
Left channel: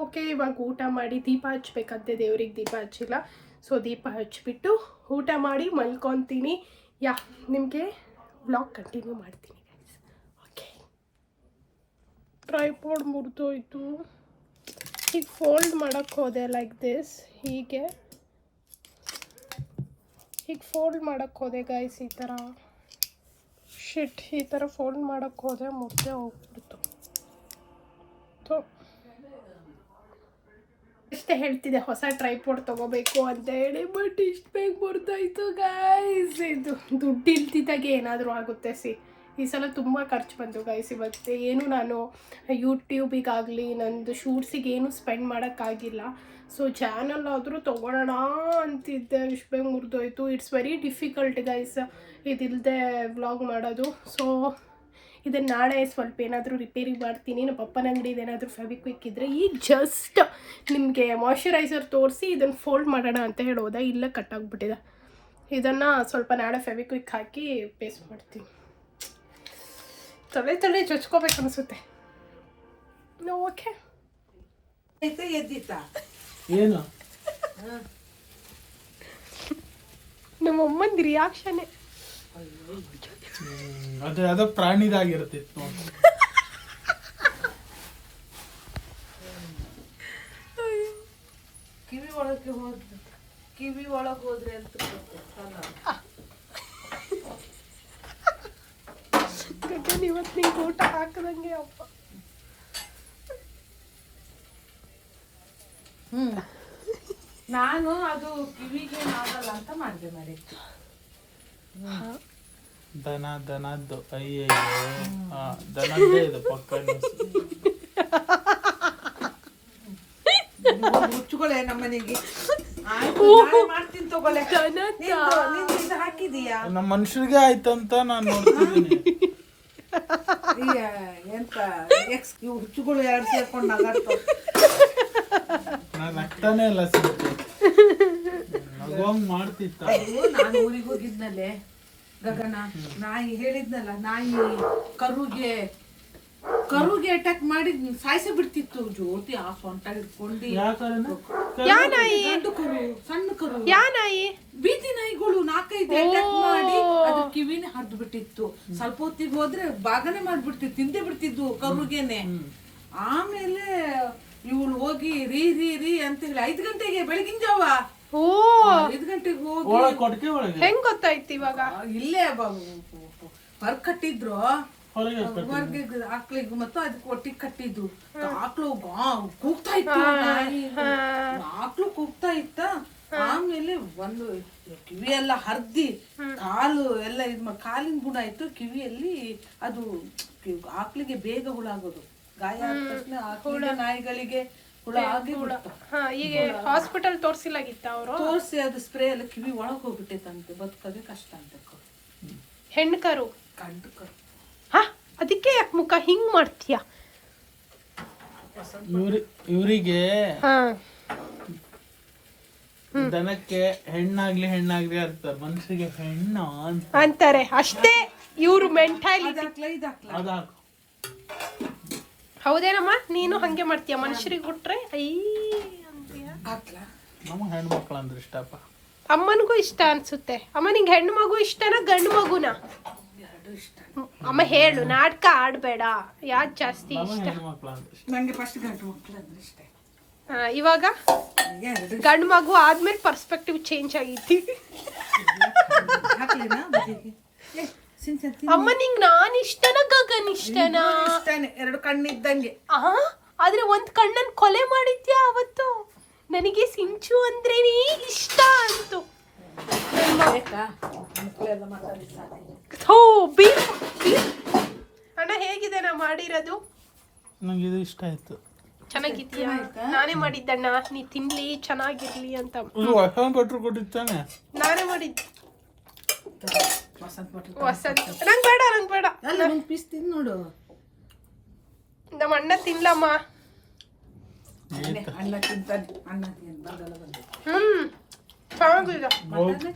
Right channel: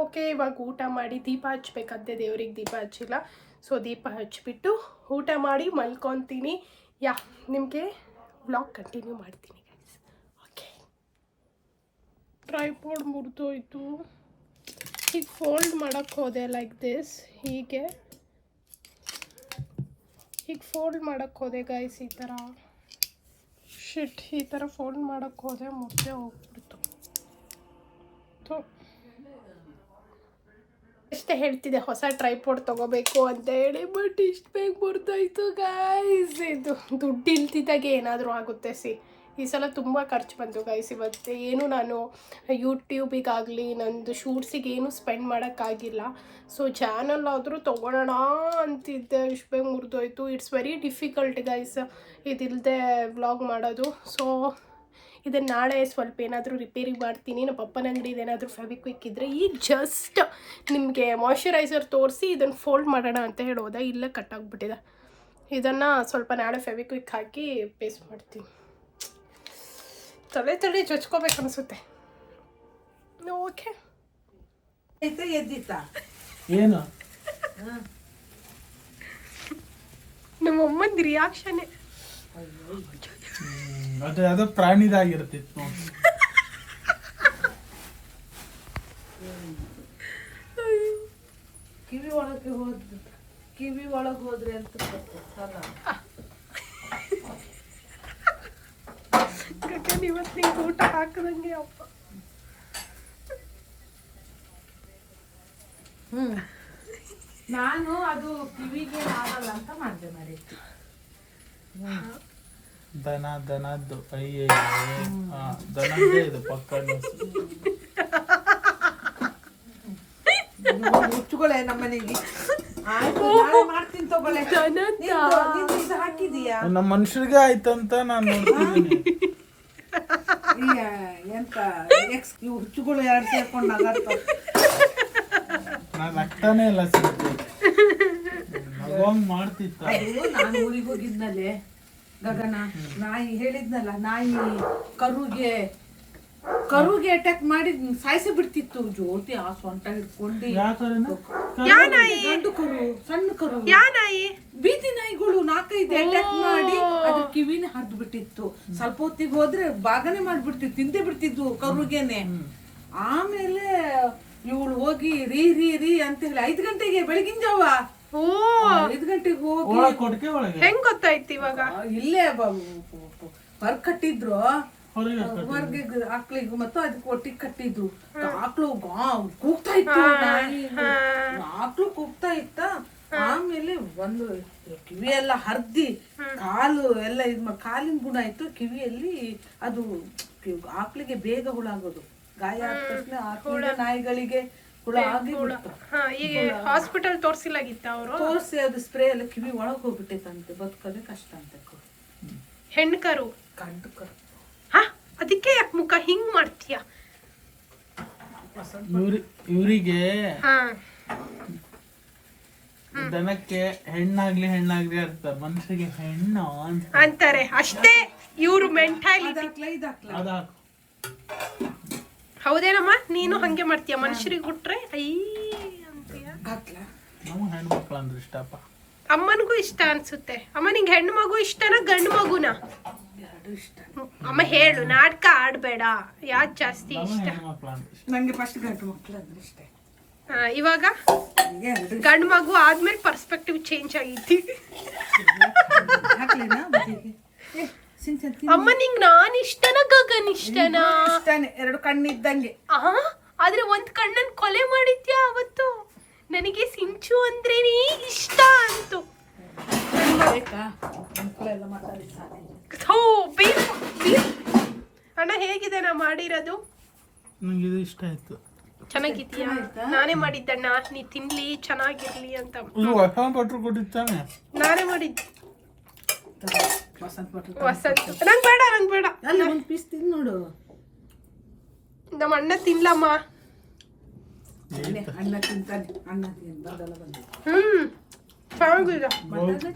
Okay, ಇವಾಗ ಊಟ ಮಾಡಿ ದೀಪ ಹಚ್ಬೇಕಂತೆ, ದೇವ್ರಿಗೆ ದೀಪ ಹಚ್ಚಿಲ್ಲ. ಸೊ ದೀಪ ಹಚ್ಬಿಟ್ಟು ಊಟ ಮಾಡಿ ಮಲ್ಕೊತೀನಿ. ನಿಮಗೆ ವ್ಲಾಗ್ ಕಂಟಿನ್ಯೂ ಮಾಡ್ತೀನಿ ಗೈಸ್. ಓಕೆ, ಟ್ರೈಪಾಡ್ ಮುರಿದೋಯ್ತು. ಈಗ ಫೋಲ್ಡ್ ಮಾಡೋಕ್ಕೆ ಹೋದೆ ಲೈಕ್ ದಿಸ್, ಹೀಗೆ ಫೋಲ್ಡ್ ಮಾಡೋಕ್ಕೆ ಹೋದೆ ಗೈಸ್. ಈ ಥರ ಈ ಥರ ಫೋಲ್ಡ್ ಮಾಡೋಕ್ಕೆ ಹೋದೆ, ಮುರಿದೇ ಹೋಗ್ಬಿಡ್ತು. ಎಷ್ಟೇ ಹೇಳ್ತಿದ್ದೆ ಹೊಸ ಟ್ರೈಪಾಡ್ ತೊಗೋಬೇಕು ಅಂತ ಹೇಳಿ, ಬಟ್ ಇಷ್ಟು ಬೇಗ ಮುರಿದೋಯ್ತು ಗೈಸ್. ಇದು ದುಡ್ಡು ಇಲ್ತಿದ್ದಾಗೆ ಏನಾದರೂ ಆಗುತ್ತೆ. ಈ ಸಲ ತುಂಬ ಖರ್ಚು ಬಂತು ಗೈಸ್. ಇವತ್ತು ಏನು ನಾನು ಯೂಟ್ಯೂಬಿಗಾಗಲಿ ನಂದು ಶೂಟ್ಸಿಗೆ ಏನು ಸ್ಪೆಂಡ್ ಮಾಡೋಕ್ಕಾಗಿಲ್ಲ. ಸೊ ಚಾನಲ್ ಆದರೂ ತೊಗೊಳ್ಳೋಣ ಅಂತಿದ್ದೆ, ಇಷ್ಟು ಬೇಗ ಮುರಿದೋಯ್ತು. ಇಟ್ಸ್ ವೆರಿ ಡಿಫಿಕಲ್ಟ್ ಗೈಸ್ ಇದಿಲ್ಲದೆ ವ್ಲಾಗ್ ಮಾಡೋದು. ಸೊ ಇದನ್ನು ನಾಳೆ ಸ್ವಲ್ಪ ಏನಾದರೂ ರಿಪೇರಿ ಮಾಡ್ತೀನಿ. ನಮ್ಮ ಪಪ್ಪನ ಅಂಗಡಿದು ಏನಾದರೂ ಫೆವಿಕ್ವಿಕ್ ಇದ್ದರೆ ಈಗ ಜಸ್ಟ್ ನಿಮಗೆ ಮಾಯ್ಶ್ಚರೈಸರ್ ತೋರಿಸಿ ಇದನ್ನು ಫೋಲ್ಡ್ ಮಾಡೋಣ ಅಂತ ಹೇಳೋದ, ಇಲ್ಲೇ ಕಟ್ಟಾಗ್ಬಿಟ್ಟಿದೆ. ಇದನ್ನು ಸ್ವಲ್ಪ ನಾಳೆ ಫೆವಿಕ್ವಿಕ್ ಹಾಕಿ ಪೇಸ್ಟ್ ಮಾಡ್ತೀನಿ. ತಲೆ ಜೊಚ್ಕೋಬೇಕು ಅನಿಸುತ್ತೆ. ಓಕೆ, ಎದ್ದಿತ್ತಾ ಏನು ನಮ್ಮಮ್ಮಂದು ರಿಯಾಕ್ಷನ್ನೇ ಅದು ಯಾವುದೋ ಪ್ರಾಣಿದಾಗಿರ್ತಿತ್ತು ನೋಡಿ. ಕಿವಿ ಒಳಗೆ ಹೋದ್ರೆ ಅಂತ ಗಗನ್ ಇವತ್ತು ನಿಂಗೆ ಊಟ ಹಾಕದಂಗೆ ಅಪ್ಪ. ನಾನು ಅದು ಕಿವಿಗೆ ಆಗಲ್ಲ ಅಂತ ಮಾಡಿತ್ತು. ದನದ್ದು ಅಯ್ಯಯ್ಯೋ, ದನದ್ದೇ ಇದು ಪಕ್ಕ. ಹುಚ್ಚುಗಳೇ ನಮ್ಮನೆಗೆ ಮಾಡ್ತೀನಿ ತಗೊಳ್ಳೆ. ಇದು ಹಾಕಿದೀಯಾ? ನಮ್ಮ ಮನುಷ್ಯರಿಗೆ ಆಯ್ತಂತ ನಾನು ನೋಡ್ತಿದ್ದೀನಿ. ಎಂತ ಹುಚ್ಚುಗಳು ಎರಡು ಸೇರ್ಕೊಂಡು ನಗಾಡ್ತಾವ. ನಾನು ನಗ್ತಾನೆ ಇಲ್ಲ ಸಿಗುತ್ತೆ, ನಗೋಂಗ್ ಮಾಡ್ತಿತ್ತ. ಅದು ನಾನು ಊರಿಗೆ ಹೋಗಿದ್ನಲ್ಲೇ ಗಗನ, ನಾಯಿ ಹೇಳಿದ್ನಲ್ಲ, ನಾಯಿ ಕರುಗೆ ಅಟ್ಯಾಕ್ ಮಾಡಿ ಸಾಯಿಸಿ ಬಿಡ್ತಿತ್ತು. ಜ್ಯೋತಿ ಆ ಸೊಂಟ ಹಿಡ್ಕೊಂಡು ಗಂಡು ಕರು, ಸಣ್ಣ ಕರು, ಬೀದಿ ನಾಯಿಗಳು 4-5 ಅಟ್ಯಾಕ್ ಮಾಡಿ ಅದ್ರ ಕಿವಿನ ಹರಿದು ಬಿಟ್ಟಿತ್ತು. ಸ್ವಲ್ಪ ಹೊತ್ತಿಗೆ ಹೋದ್ರೆ ಬಾಗನೆ ಮಾಡ್ಬಿಡ್ತಿತ್ತು, ತಿಂದೇ ಬಿಡ್ತಿದ್ವು ಕರುಗೆನೆ. ಆಮೇಲೆ ಇವಳು ಹೋಗಿ ರೀ ಅಂತ ಹೇಳಿ 5 ಗಂಟೆಗೆ ಬೆಳಗಿನ ಜಾವ 5 ಗಂಟೆಗೆ ಹೋಗಿ ಹೆಂಗ್ ಗೊತ್ತಾಯ್ತು ಇವಾಗ? ಇಲ್ಲೇ ಹೊರ ಕಟ್ಟಿದ್ರು, ಹೊರಗೆ ಆಕ್ಳಿಗೂ ಮತ್ತು ಅದಕ್ಕೆ ಒಟ್ಟಿಗೆ ಕಟ್ಟಿದ್ರು. ಆಕ್ಳು ಕೂಗ್ತಾ ಇತ್ತು, ಆಕ್ಳು ಕೂಗ್ತಾ ಇತ್ತ. ಆಮೇಲೆ ಒಂದು ಕಿವಿ ಎಲ್ಲ ಹರ್ದಿ ಕಾಲು ಎಲ್ಲ ಕಾಲಿನ ಗುಣ ಆಯ್ತು. ಕಿವಿಯಲ್ಲಿ ಅದು ಆಕ್ಳಿಗೆ ಬೇಗ ಹುಳಾಗೋದು, ಗಾಯ ಆದ ತಕ್ಷಣ ಆಕಳ ನಾಯಿಗಳಿಗೆ ಹುಳ ಆಗಿ ಈಗ ಹಾಸ್ಪಿಟಲ್ ತೋರಿಸಿಲಾಗಿತ್ತ ಅವರು? ತೋರಿಸಿ ಅದು ಸ್ಪ್ರೇ ಎಲ್ಲ ಕಿವಿ ಒಳಗೆ ಹೋಗ್ಬಿಟ್ಟೈತಂತೆ, ಬದುಕೋದೇ ಕಷ್ಟ ಅಂತೆ. ಹೆಣ್ಣು ಕರು, ಗಂಡು ಕರು. ಅದಕ್ಕೆ ಯಾಕೆ ಮುಖ ಹಿಂಗ್ ಮಾಡ್ತೀಯ? ಇವರಿಗೆ ದನಕ್ಕೆ ಹೆಣ್ಣಾಗ್ಲಿ ಅಂತಾರೆ, ಮನುಷ್ಯರಿಗೆ ಹೆಣ್ಣು ಅಂತಾರೆ ಅಷ್ಟೇ. ಇವ್ರು ಮೆಂಟಾಲಿಟಿ. ಹೌದೇನಮ್ಮ? ನೀನು ಹಂಗೆ ಮಾಡ್ತೀಯ? ಮನುಷ್ಯರಿಗೆ ಹುಟ್ರೆ ಅಂತೀಯ? ನಮ್ಮ ಹೆಣ್ಮಕ್ಳು ಅಂದ್ರೆ ಇಷ್ಟಪ್ಪ. ಅಮ್ಮನಿಗೂ ಇಷ್ಟ ಅನ್ಸುತ್ತೆ. ಅಮ್ಮ ನಿಂಗೆ ಹೆಣ್ಣು ಮಗು ಇಷ್ಟನಾ ಗಂಡು ಮಗುನ? ಅಮ್ಮ ಹೇಳು, ನಾಟಕ ಆಡ್ಬೇಡ. ಯಾವ್ದು ಜಾಸ್ತಿ ಇಷ್ಟ? ನಂಗೆ ಫಸ್ಟ್ ಗಂಡು ಮಕ್ಕಳು ಅಂದ್ರೆ ಇಷ್ಟ. ಇವಾಗ ಗಂಡು ಮಗು ಆದ್ಮೇಲೆ ಪರ್ಸ್ಪೆಕ್ಟಿವ್ ಚೇಂಜ್ ಆಗೈತಿ. ಅಮ್ಮ ನಿಂಗೆ ನಾನ್ ಇಷ್ಟನಾ ಗಗನ್ ಇಷ್ಟನಾ? ಇಷ್ಟನೇ, 2 ಕಣ್ಣಿದ್ದಂಗೆ. ಆದ್ರೆ ಒಂದ್ ಕಣ್ಣನ್ ಕೊಲೆ ಮಾಡಿದ್ಯಾ ಅವತ್ತು. ನನಗೆ ಸಿಂಚು ಅಂದ್ರೆ ಇಷ್ಟ ಅಂತು. ಅಣ್ಣ ಹೇಗಿದೆ ನಾ ಮಾಡಿರೋದು? ನಂಗೆ ಇದು ಇಷ್ಟ ಆಯ್ತು. ಚೆನ್ನಾಗಿದ್ಯಾ? ನಾನೇ ಮಾಡಿದ್ದಣ್ಣ, ನೀ ತಿನ್ಲಿ ಚೆನ್ನಾಗಿರ್ಲಿ ಅಂತ. ಹೊಸ ಭಟ್ರು ಕೊಟ್ಟಿತ್ತಾನೆ. ನಾನೇ ಮಾಡಿದ್ದು. ವಸಂತ ಭಟ್ರು ವಸಂತ ನಂಗೆ ಬೇಡ. ಅಲ್ಲಿ ಒಂದು ಪೀಸ್ ತಿಂದು ನೋಡು. ನಮ್ಮ ಅಣ್ಣ ತಿನ್ಲಮ್ಮ. ಅಣ್ಣ ತಿಂತಾನೆ, ಅಣ್ಣ ತಿಂದು ಬಂದಲ್ಲ ಬಂದು ಚೆನ್ನಾಗಿದೆ. ಬಂದಲ್ಲ